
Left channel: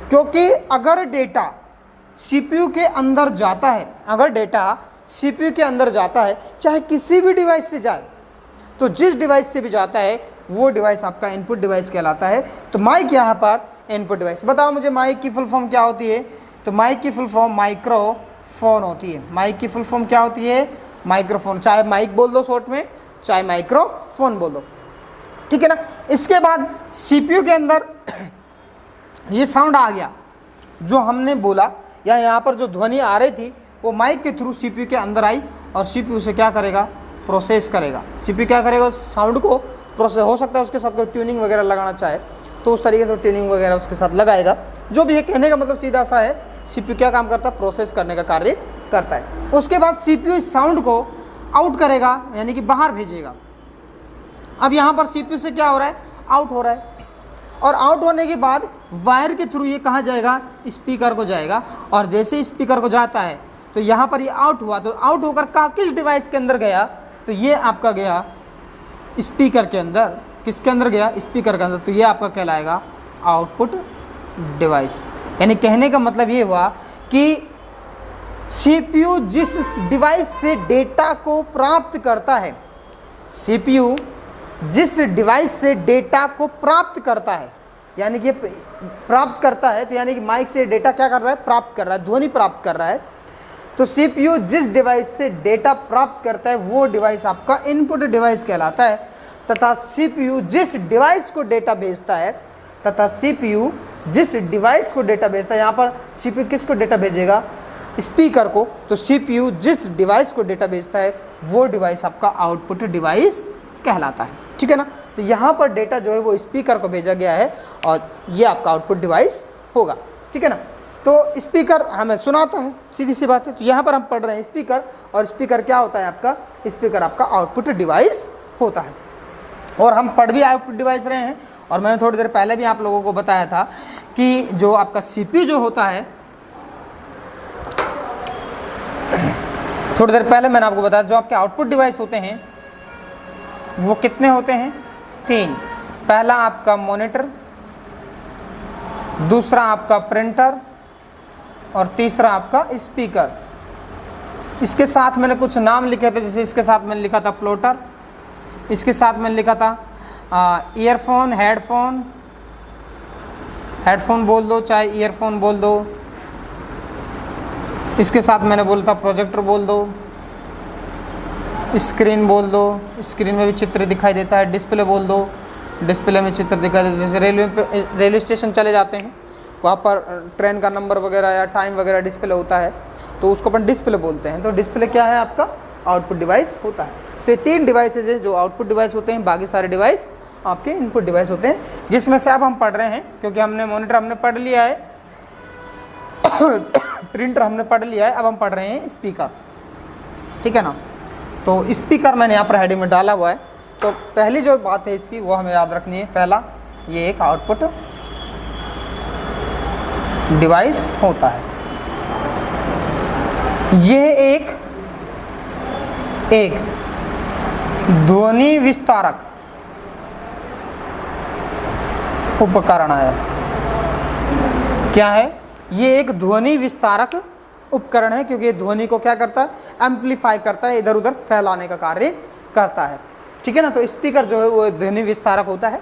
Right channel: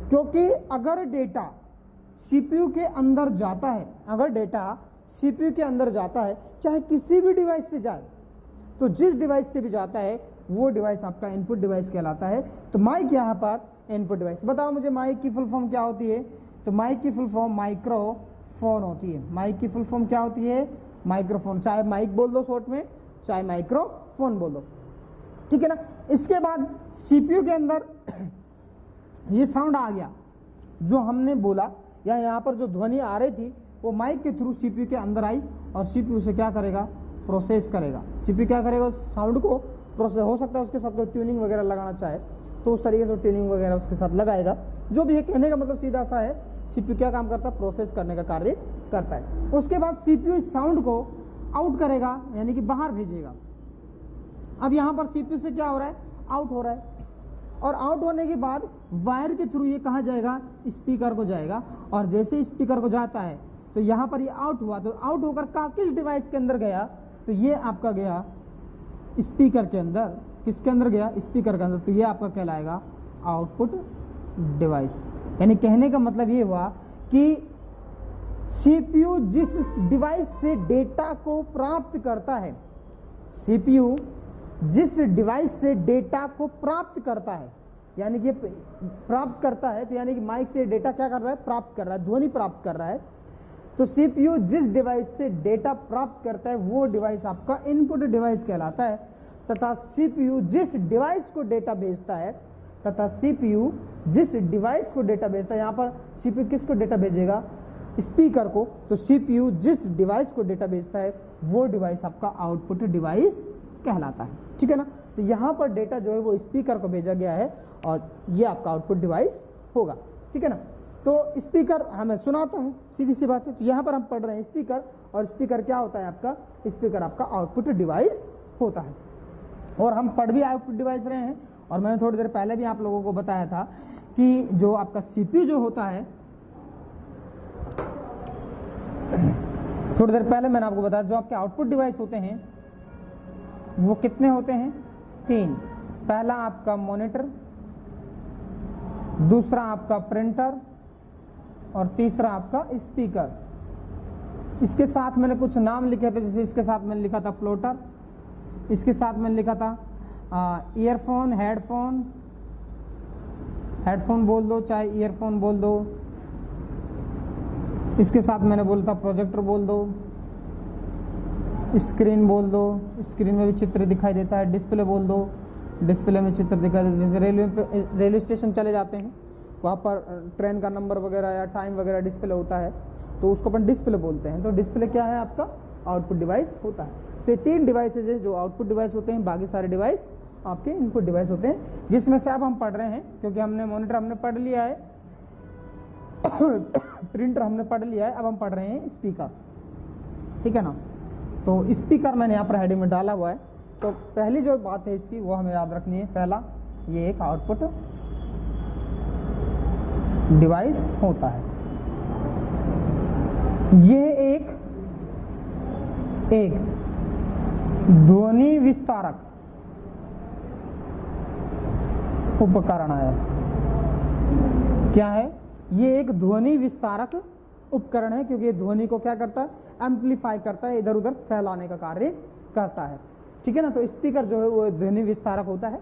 क्योंकि अगर डेटा CPU के अंदर जाता है, अगर डेटा CPU के अंदर जाता है, चाहे किसी भी डिवाइस से जाए, तो जिस डिवाइस से भी जाता है वो डिवाइस आपका इनपुट डिवाइस कहलाता है। तो माइक यहाँ पर इनपुट डिवाइस। बताओ मुझे माइक की फुल फॉर्म क्या होती है? तो माइक की फुल फॉर्म माइक्रोफोन होती है। माइक की फुल फॉर्म क्या होती है? माइक्रोफोन। चाहे माइक बोल दो शॉर्ट में, चाहे माइक्रोफोन बोल दो, ठीक है ना। इसके बाद CPU के अंदर ये साउंड आ गया जो हमने बोला, या यहाँ पर जो ध्वनि आ रही थी वो माइक के थ्रू CPU के अंदर आई, और CPU से क्या करेगा? प्रोसेस करेगा। CPU क्या करेगा? उस साउंड को प्रोसेस, हो सकता है उसके साथ कोई ट्यूनिंग वगैरह लगाना चाहे तो उस तरीके से ट्यूनिंग वगैरह उसके साथ लगाएगा। जो भी ये कहने का मतलब सीधा सा है, CPU क्या काम करता है? प्रोसेस करने का कार्य करता है। उसके बाद CPU इस साउंड को आउट करेगा, यानी कि बाहर भेजेगा। अब यहाँ पर CPU से क्या हो रहा है? आउट हो रहा है। और आउट होने के बाद वायर के थ्रू ये कहाँ जाएगा? स्पीकर को जाएगा। और जैसे स्पीकर को जाता है तो यहाँ पर ये आउट हुआ, तो आउट होकर किस डिवाइस के अंदर गया? तो ये आपका गया स्पीकर के अंदर। किसके अंदर गया? स्पीकर के अंदर। तो ये आपका कहलाएगा आउटपुट डिवाइस। यानी कहने का मतलब ये हुआ कि CPU जिस डिवाइस से डेटा को प्राप्त करता है, CPU जिस डिवाइस से डेटा को प्राप्त करता है, यानी कि प्राप्त करता है तो यानी कि माइक से डेटा क्या कर रहा है, प्राप्त कर रहा है, ध्वनि प्राप्त कर रहा है। तो सीपीयू जिस डिवाइस से डेटा प्राप्त करता है वो डिवाइस आपका इनपुट डिवाइस कहलाता है, तथा सीपीयू जिस डिवाइस को डेटा भेजता है, तथा सीपीयू जिस डिवाइस को डेटा भेजता है, यहाँ पर सीपीयू किसको डेटा भेजेगा, स्पीकर को, तो सीपीयू जिस डिवाइस को डेटा भेजता है वो डिवाइस आपका आउटपुट डिवाइस कहलाता है। ठीक है ना, तो यहाँ पर डेटा जो है वो स्पीकर को भेजा गया है और ये आपका आउटपुट डिवाइस होगा। ठीक है ना, तो स्पीकर हमें सुनाता है, सीधी सी बात है। तो यहाँ पर हम पढ़ रहे हैं स्पीकर, और स्पीकर क्या होता है आपका, स्पीकर आपका आउटपुट डिवाइस होता है। और हम पढ़ भी आउटपुट डिवाइस रहे हैं, और मैंने थोड़ी देर पहले भी आप लोगों को बताया था कि जो आपका सीपीयू जो होता है, थोड़ी देर पहले मैंने आपको बताया जो आपके आउटपुट डिवाइस होते हैं वो कितने होते हैं, 3। पहला आपका मॉनिटर, दूसरा आपका प्रिंटर, और तीसरा आपका स्पीकर। इसके साथ मैंने कुछ नाम लिखे थे, जैसे इसके साथ मैंने लिखा था प्लॉटर, इसके साथ मैंने लिखा था ईयरफोन, हेडफोन बोल दो, चाहे ईयरफोन बोल दो। इसके साथ मैंने बोला था प्रोजेक्टर बोल दो, स्क्रीन बोल दो, स्क्रीन में भी चित्र दिखाई देता है, डिस्प्ले बोल दो, डिस्प्ले में चित्र दिखाई देता है। जैसे रेलवे स्टेशन चले जाते हैं, वहाँ पर ट्रेन का नंबर वगैरह या टाइम वगैरह डिस्प्ले होता है, तो उसको अपन डिस्प्ले बोलते हैं। तो डिस्प्ले क्या है, आपका आउटपुट डिवाइस होता है। तो ये 3 डिवाइसेज है जो आउटपुट डिवाइस होते हैं, बाकी सारे डिवाइस आपके इनपुट डिवाइस होते हैं, जिसमें से अब हम पढ़ रहे हैं, क्योंकि हमने मॉनिटर हमने पढ़ लिया है, प्रिंटर हमने पढ़ लिया है, अब हम पढ़ रहे हैं स्पीकर। ठीक है ना, तो स्पीकर मैंने यहाँ पर हेडिंग में डाला हुआ है। तो पहली जो बात है इसकी वो हमें याद रखनी है। पहला, ये एक आउटपुट डिवाइस होता है, यह एक ध्वनि विस्तारक उपकरण है। क्या है, ये एक ध्वनि विस्तारक उपकरण है, क्योंकि ये ध्वनि को क्या करता है, एम्पलीफाई करता है, इधर उधर फैलाने का कार्य करता है। ठीक है ना, तो स्पीकर जो है वो ध्वनि विस्तारक होता है।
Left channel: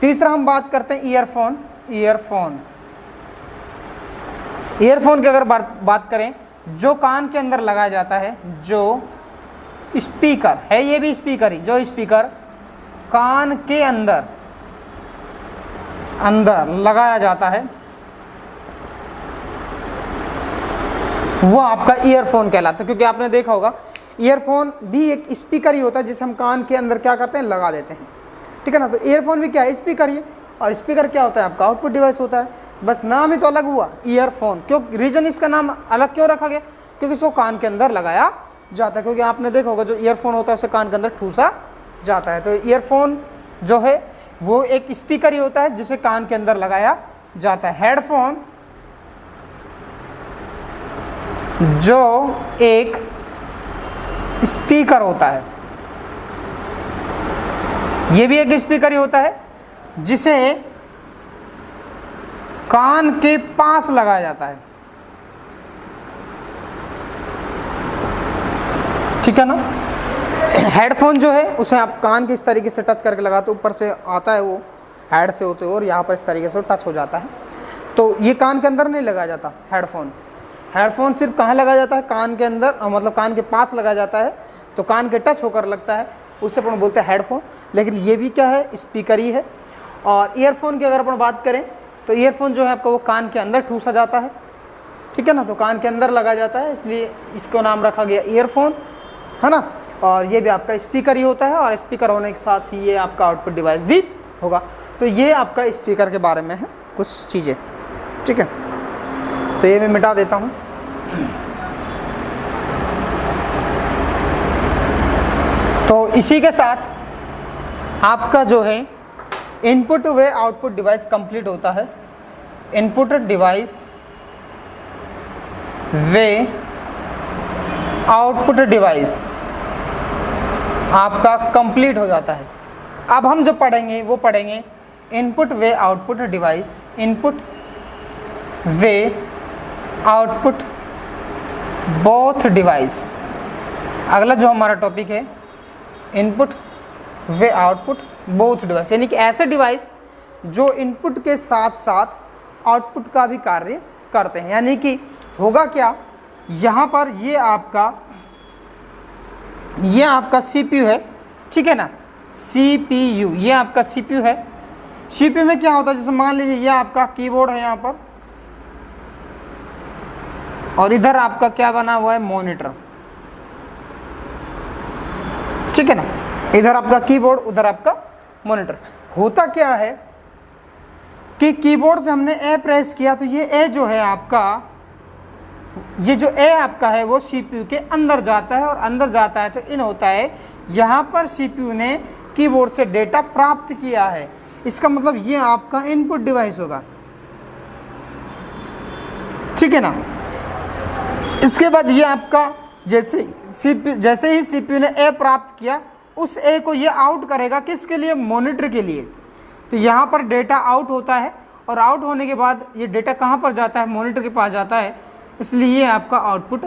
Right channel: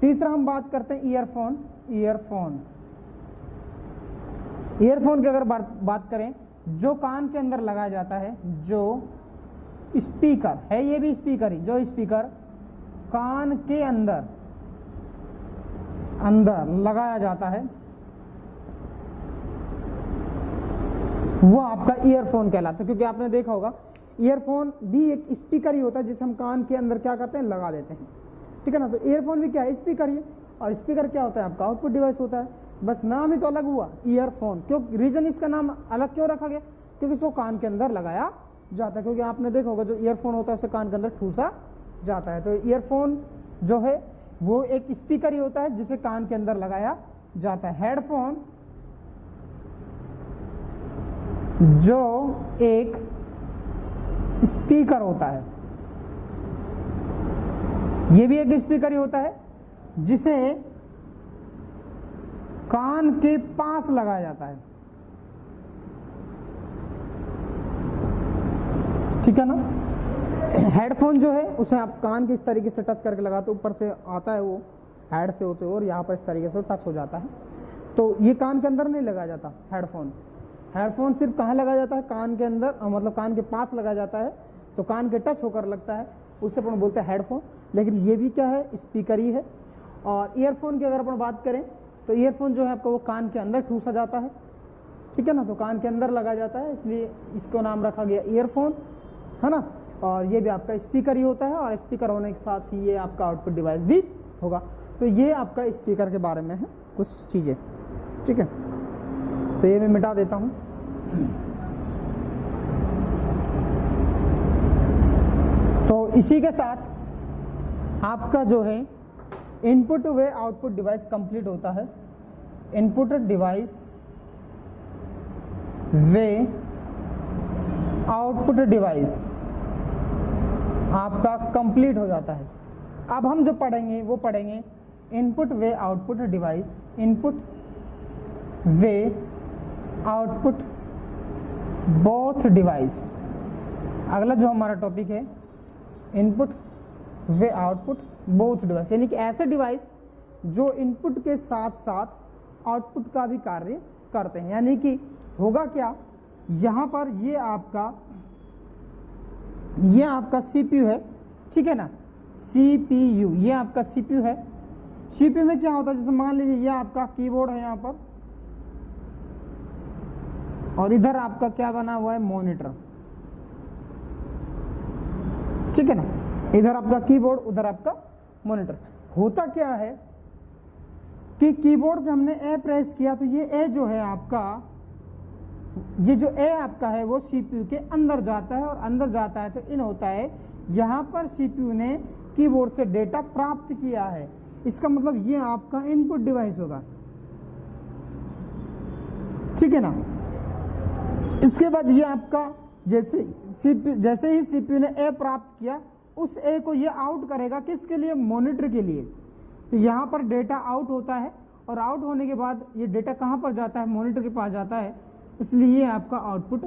तीसरा हम बात करते हैं ईयरफोन की अगर बात करें, जो कान के अंदर लगाया जाता है, जो स्पीकर है, ये भी स्पीकर ही, जो स्पीकर कान के अंदर लगाया जाता है वो आपका ईयरफोन कहलाता है। क्योंकि आपने देखा होगा ईयरफोन भी एक स्पीकर ही होता है, जिसे हम कान के अंदर क्या करते हैं, लगा देते हैं। ठीक है ना, तो ईयरफोन भी क्या है, स्पीकर ही है। और स्पीकर क्या होता है, आपका आउटपुट डिवाइस होता है। बस नाम ही तो अलग हुआ ईयरफोन, क्यों, रीजन इसका नाम अलग क्यों रखा गया, क्योंकि इसको कान के अंदर लगाया जाता है। क्योंकि आपने देखा होगा जो ईयरफोन होता है उसे कान के अंदर ठूसा जाता है। तो ईयरफोन जो है वो एक स्पीकर ही होता है जिसे कान के अंदर लगाया जाता है। हेडफोन जो एक स्पीकर होता है, ये भी एक स्पीकर ही होता है जिसे कान के पास लगाया जाता है। ठीक है ना, हेडफोन जो है उसे आप कान के इस तरीके से टच करके लगाते, ऊपर से आता है वो हेड से होते हुए, और यहाँ पर इस तरीके से टच हो जाता है। तो ये कान के अंदर नहीं लगाया जाता हेडफोन सिर्फ कहाँ लगाया जाता है, कान के अंदर, मतलब कान के पास लगाया जाता है, तो कान के टच होकर लगता है, उससे अपन बोलते हैं हेडफोन। लेकिन ये भी क्या है, स्पीकर ही है। और ईयरफोन की अगर अपन बात करें तो ईयरफोन जो है आपका वो कान के अंदर ठूसा जाता है। ठीक है ना, तो कान के अंदर लगाया जाता है, इसलिए इसको नाम रखा गया ईयरफोन, है ना। और ये भी आपका स्पीकर ही होता है, और स्पीकर होने के साथ ही ये आपका आउटपुट डिवाइस भी होगा। तो ये आपका स्पीकर के बारे में है कुछ चीज़ें। ठीक है, तो ये मैं मिटा देता हूँ। तो इसी के साथ आपका जो है इनपुट वे आउटपुट डिवाइस कंप्लीट होता है। इनपुट डिवाइस वे आउटपुट डिवाइस आपका कंप्लीट हो जाता है। अब हम जो पढ़ेंगे वो पढ़ेंगे इनपुट वे आउटपुट डिवाइस, इनपुट वे आउटपुट बोथ डिवाइस। अगला जो हमारा टॉपिक है इनपुट वे आउटपुट बोथ डिवाइस, यानी कि ऐसे डिवाइस जो इनपुट के साथ साथ आउटपुट का भी कार्य करते हैं। यानी कि होगा क्या, यहाँ पर ये आपका CPU है, ठीक है ना, CPU, ये आपका CPU है। CPU में क्या होता है, जैसे मान लीजिए ये आपका कीबोर्ड है यहाँ पर, और इधर आपका क्या बना हुआ है, मॉनिटर, ठीक है ना, इधर आपका कीबोर्ड, उधर आपका मॉनिटर। होता क्या है कि कीबोर्ड से हमने ए प्रेस किया तो ये ए जो है आपका, ये जो ए आपका है वो CPU के अंदर जाता है, और अंदर जाता है तो इन होता है, यहाँ पर CPU ने कीबोर्ड से डेटा प्राप्त किया है। इसका मतलब ये आपका इनपुट डिवाइस होगा, ठीक है ना। इसके बाद ये आपका जैसे ही CPU ने ए प्राप्त किया, उस ए को ये आउट करेगा, किसके लिए, मॉनिटर के लिए। तो यहाँ पर डेटा आउट होता है, और आउट होने के बाद ये डेटा कहाँ पर जाता है, मॉनिटर के पास जाता है, इसलिए ये आपका आउटपुट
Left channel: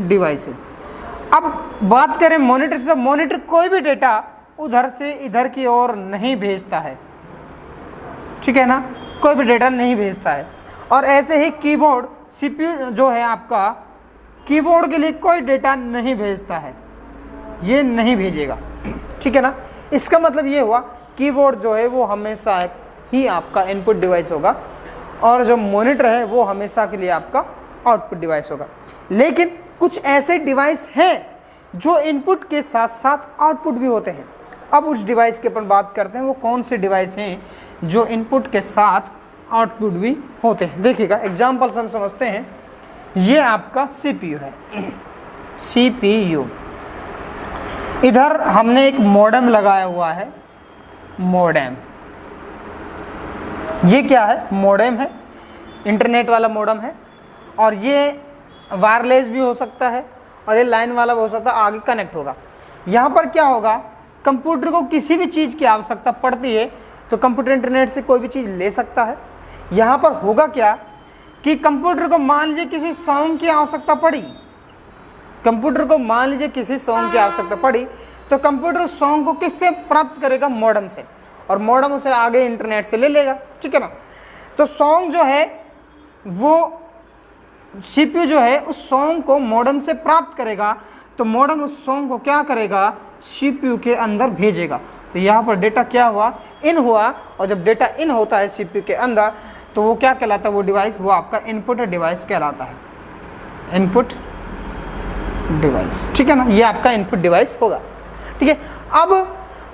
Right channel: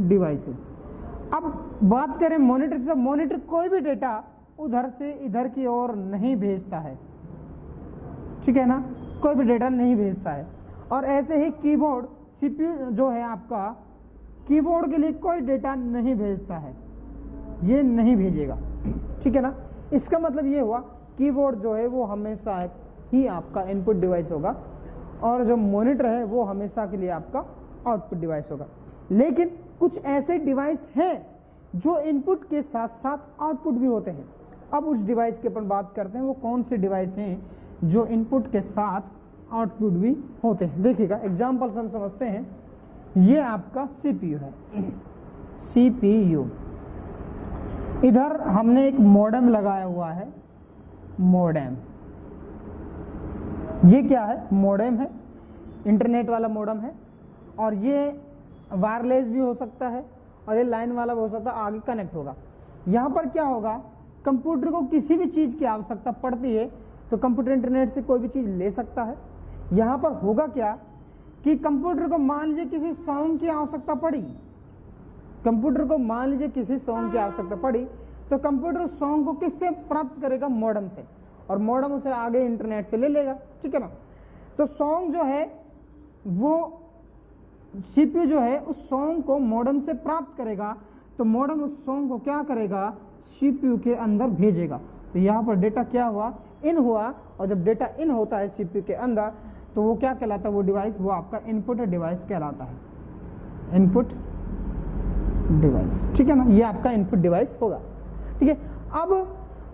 डिवाइस है। अब बात करें मॉनिटर से, तो मॉनिटर कोई भी डेटा उधर से इधर की ओर नहीं भेजता है, ठीक है ना, कोई भी डेटा नहीं भेजता है। और ऐसे ही कीबोर्ड, CPU जो है आपका, कीबोर्ड के लिए कोई डेटा नहीं भेजता है, ये नहीं भेजेगा, ठीक है ना। इसका मतलब ये हुआ कीबोर्ड जो है वो हमेशा ही आपका इनपुट डिवाइस होगा, और जो मॉनिटर है वो हमेशा के लिए आपका आउटपुट डिवाइस होगा। लेकिन कुछ ऐसे डिवाइस हैं जो इनपुट के साथ साथ आउटपुट भी होते हैं। अब उस डिवाइस के अपन बात करते हैं, वो कौन से डिवाइस हैं जो इनपुट के साथ आउटपुट भी होते हैं। देखिएगा एग्जाम्पल से हम समझते हैं। ये आपका CPU है, CPU, इधर हमने एक मॉडेम लगाया हुआ है, मॉडेम, ये क्या है, मॉडेम है, इंटरनेट वाला मॉडेम है, और ये वायरलेस भी हो सकता है, और ये लाइन वाला भी हो सकता है, आगे कनेक्ट होगा। यहाँ पर क्या होगा, कंप्यूटर को किसी भी चीज़ की आवश्यकता पड़ती है तो कंप्यूटर इंटरनेट से कोई भी चीज़ ले सकता है। यहाँ पर होगा क्या कि कंप्यूटर को मान लीजिए किसी सॉन्ग की आवश्यकता पड़ी, कंप्यूटर को मान लीजिए किसी सॉन्ग की आवश्यकता पड़ी, तो कंप्यूटर सॉन्ग को किससे प्राप्त करेगा, मॉडेम से, और मॉडेम उसे आगे इंटरनेट से ले लेगा, ठीक है ना। तो सॉन्ग जो है वो CPU जो है उस सॉन्ग को मॉडेम से प्राप्त करेगा, तो मॉडेम उस सॉन्ग को क्या करेगा, CPU के अंदर भेजेगा। तो यहाँ पर डेटा क्या हुआ, इन हुआ, और जब डेटा इन होता है CPU के अंदर तो वो क्या कहलाता है, वो डिवाइस, वो आपका इनपुट डिवाइस कहलाता है, इनपुट डिवाइस, ठीक है ना, ये आपका इनपुट डिवाइस होगा, ठीक है। अब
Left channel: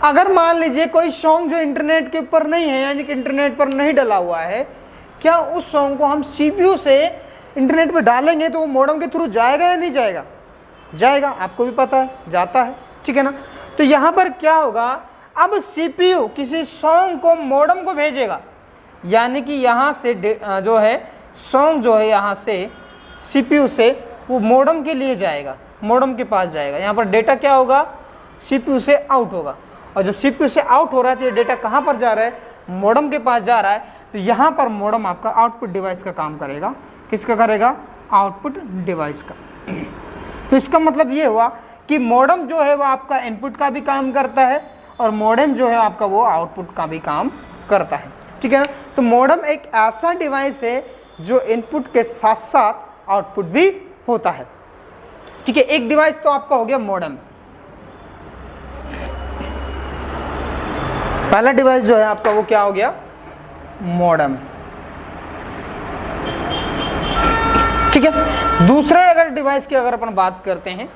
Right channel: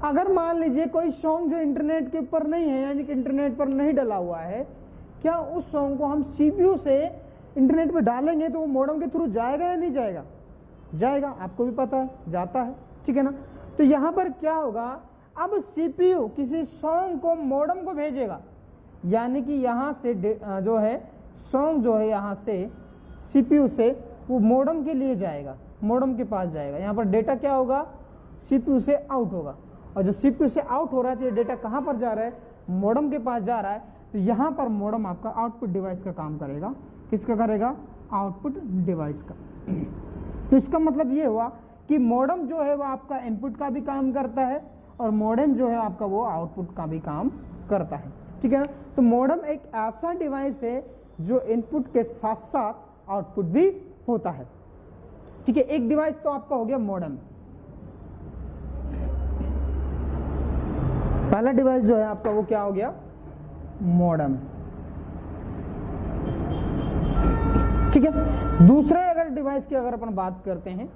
अगर मान लीजिए कोई सॉन्ग जो इंटरनेट के ऊपर नहीं है, यानी कि इंटरनेट पर नहीं डला हुआ है, क्या उस सॉन्ग को हम CPU से इंटरनेट पर डालेंगे तो वो मॉडेम के थ्रू जाएगा या नहीं जाएगा, जाएगा, आपको भी पता है, जाता है, ठीक है ना। तो यहाँ पर क्या होगा, अब CPU किसी सॉन्ग को मॉडेम को भेजेगा, यानी कि यहाँ से जो है सॉन्ग जो है यहाँ से CPU से वो मॉडेम के लिए जाएगा, मॉडेम के पास जाएगा। यहाँ पर डेटा क्या होगा, CPU से आउट होगा, और जब CPU से आउट हो रहा है तो ये डेटा कहाँ पर जा रहा है, मॉडेम के पास जा रहा है। तो यहाँ पर मॉडेम आपका आउटपुट डिवाइस का काम करेगा, किसका करेगा, आउटपुट डिवाइस का। तो इसका मतलब ये हुआ कि मॉडेम जो है वो आपका इनपुट का भी काम करता है, और मॉडेम जो है आपका वो आउटपुट का भी काम करता है, ठीक है ना। तो मॉडेम एक ऐसा डिवाइस है जो इनपुट के साथ साथ आउटपुट भी होता है, ठीक है। एक डिवाइस तो आपका हो गया मॉडेम, पहला डिवाइस जो है आपका वो क्या हो गया, मॉडेम, ठीक है। दूसरे अगर डिवाइस की अगर अपन बात करते हैं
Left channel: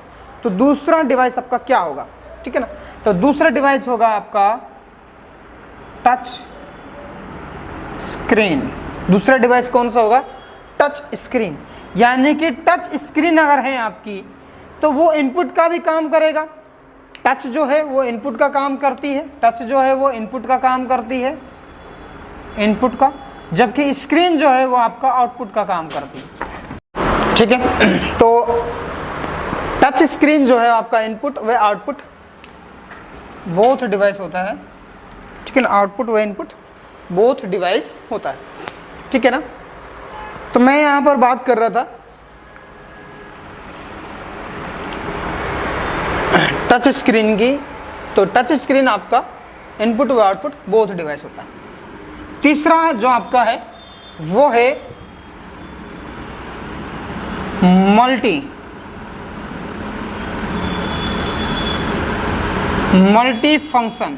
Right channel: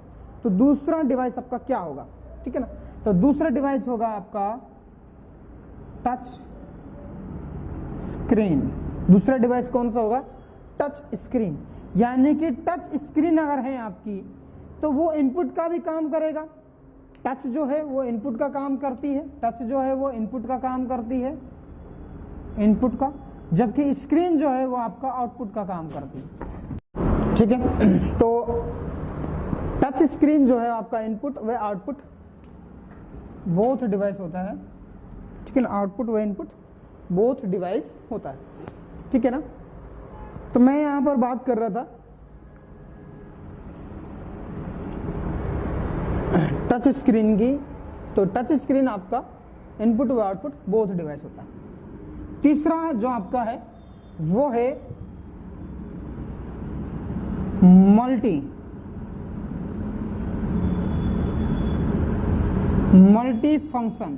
तो दूसरा डिवाइस आपका क्या होगा, ठीक है ना। तो दूसरा डिवाइस होगा आपका टच स्क्रीन। दूसरा डिवाइस कौन सा होगा, टच स्क्रीन, यानी कि टच स्क्रीन अगर है आपकी तो वो इनपुट का भी काम करेगा। टच जो है वो इनपुट का काम करती है, टच जो है वो इनपुट का काम करती है, इनपुट का, जबकि स्क्रीन जो है वो आपका आउटपुट का काम करती है, ठीक है। तो टच स्क्रीन जो है आपका इनपुट व आउटपुट बोथ डिवाइस होता है, ठीक है ना, आउटपुट व इनपुट बोथ डिवाइस होता है, ठीक है ना। तो मैं यहाँ पर बात कर रहा था टच स्क्रीन की, तो टच स्क्रीन आपका इनपुट व आउटपुट बोथ डिवाइस होता है। तीसरा जो आपका है वो है multi function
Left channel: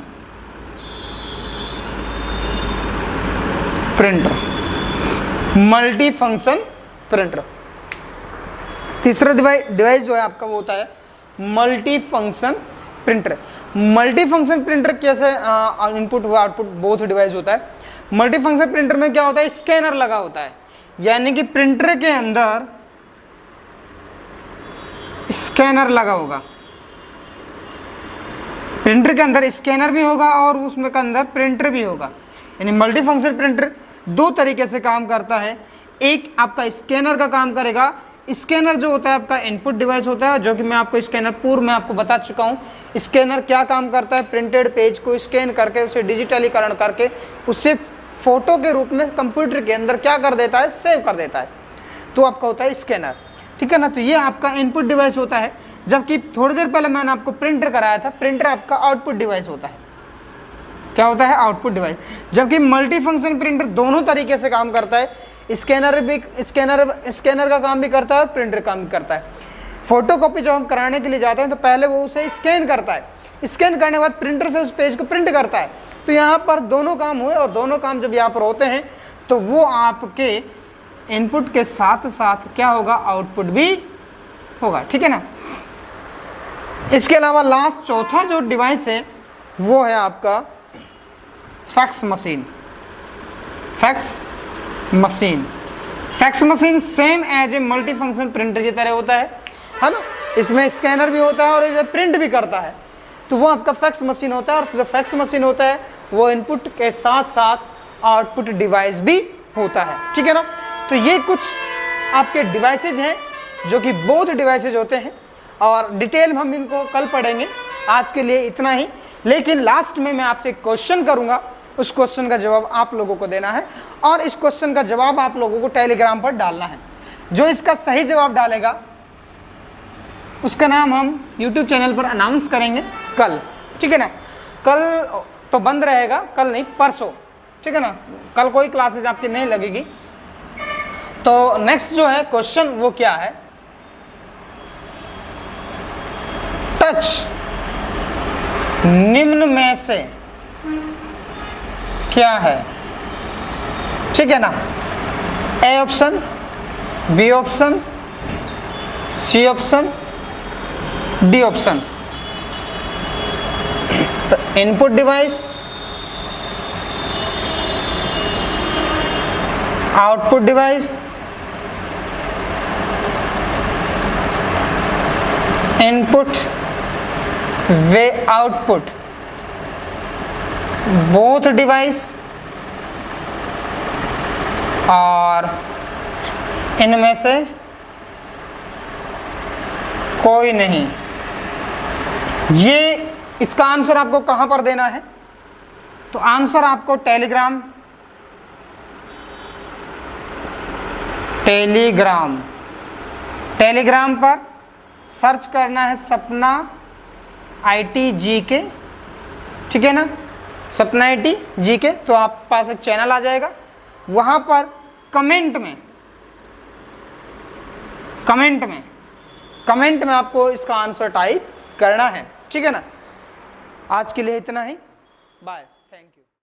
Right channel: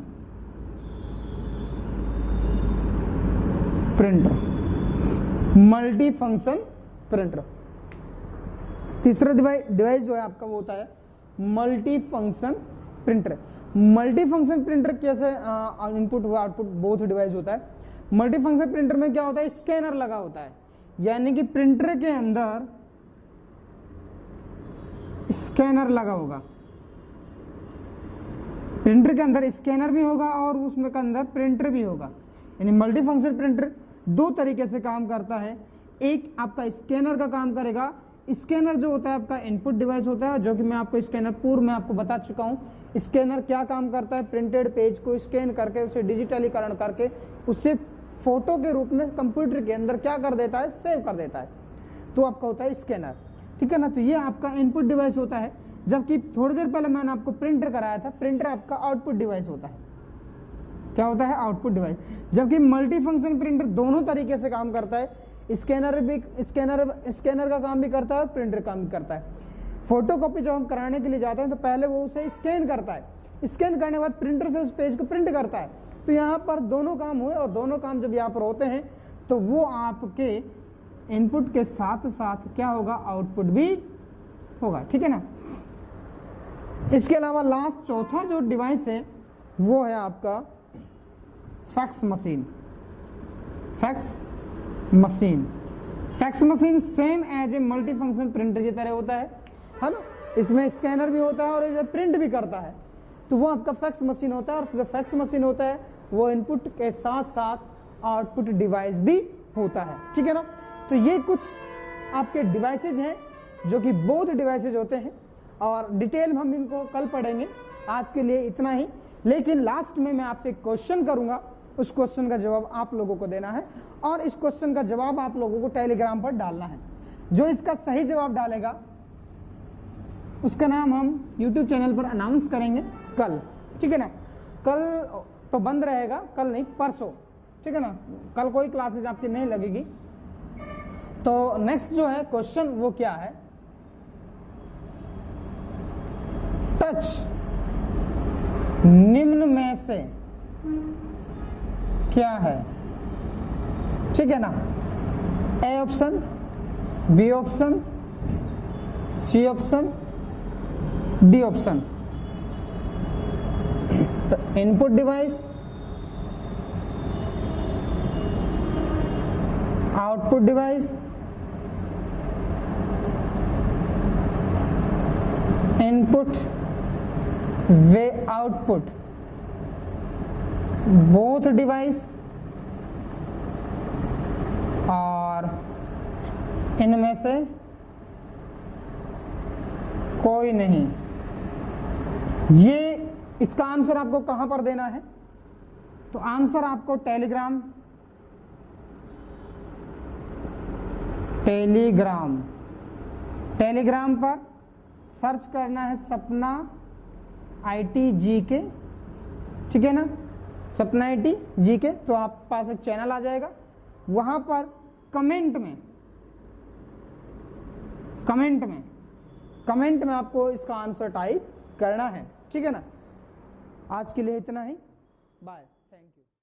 printer. Multi function printer, तीसरा डिवाइस जो है आपका वो होता है multi function printer. Multi function printer कैसे इनपुट व आउटपुट बोथ डिवाइस होता है। मल्टी फंक्शन प्रिंटर में क्या होता है, स्कैनर लगा होता है, यानी कि प्रिंटर के अंदर स्कैनर लगा होगा, प्रिंटर के अंदर स्कैनर भी होगा और उसमें के अंदर प्रिंटर भी होगा। यानी मल्टी फंक्शन प्रिंटर दो तरीके से काम करता है। एक आपका स्कैनर का काम करेगा, स्कैनर जो होता है आपका इनपुट डिवाइस होता है, जो कि मैं आपको स्कैनर पूर्व में आपको बता चुका हूँ। स्कैनर क्या काम करता है, प्रिंटेड पेज को स्कैन करके उसे डिजिटलीकरण करके उससे फोटो के रूप में कंप्यूटर के अंदर क्या कर देता है, सेव कर देता है, तो आपका होता है स्कैनर, ठीक है ना। तो ये आपका इनपुट डिवाइस होता है, जबकि थोड़ी देर पहले मैंने आपको प्रिंटर कराया था, प्रिंटर आपका आउटपुट डिवाइस होता है। क्या होता है, आउटपुट डिवाइस। जबकि मल्टी फंक्शन प्रिंटर दोनों तरीके से काम करता है, स्कैनर का काम भी करता है और प्रिंटर काम भी करता है। फोटो कॉपी जब हम कराने के लिए जाते हैं तो पहले वो उसे स्कैन करता है, स्कैन करने के बाद प्रिंटर से उस पेज को प्रिंट करता है। तो यहाँ पर दोनों काम हुए, और दोनों काम जब यहाँ पर होते हैं तो वो आपके इनपुट के साथ साथ क्या होगा, आउटपुट भी होगा, ठीक है ना। इसके अलावा लास्ट चौथा जो डिवाइस है वो है आपका fax machine. Fax machine same as a multi function printer की तरह होता है ना। इसमें स्कैनर भी होता है और इसे प्रिंट भी करता है, तो वो आपका फैक्स मशीन होता है। और जो फैक्स मशीन होता है वो इनपुट के साथ साथ आउटपुट डिवाइस भी होता है, ठीक है ना। तो ये कुछ आपके डिवाइसेज हैं जो कि बोथ डिवाइसेज होते हैं, और डिटेल में हम इनको कल पढ़ेंगे। आज के लिए इतना ही, लेकिन लास्ट में मैं आपसे क्वेश्चन करूंगा, उस क्वेश्चन का जवाब आप लोगों को देना है, और इस क्वेश्चन का जवाब आप लोगों को टेलीग्राम पर डालना है। जो इसका सही जवाब डालेगा उसका नाम हम YouTube चैनल पर अनाउंस करेंगे कल, ठीक है ना। कल तो बंद रहेगा, कल नहीं परसों, ठीक है ना। कल कोई क्लासेस आपकी नहीं लगेगी। तो नेक्स्ट जो है क्वेश्चन वो क्या है, टच निम्न में से क्या है, ठीक है ना। A option, B option, C option, D option. Input device, output device, input वे आउटपुट, बोथ डिवाइस, और इनमें से कोई नहीं। ये इसका आंसर आपको कहां पर देना है, तो आंसर आपको टेलीग्राम पर सर्च करना है सपना IT GK, ठीक है ना, सपना IT GK। तो आप पास एक चैनल आ जाएगा, वहां पर कमेंट में आपको इसका आंसर टाइप करना है, ठीक है ना। आज के लिए इतना ही, बाय।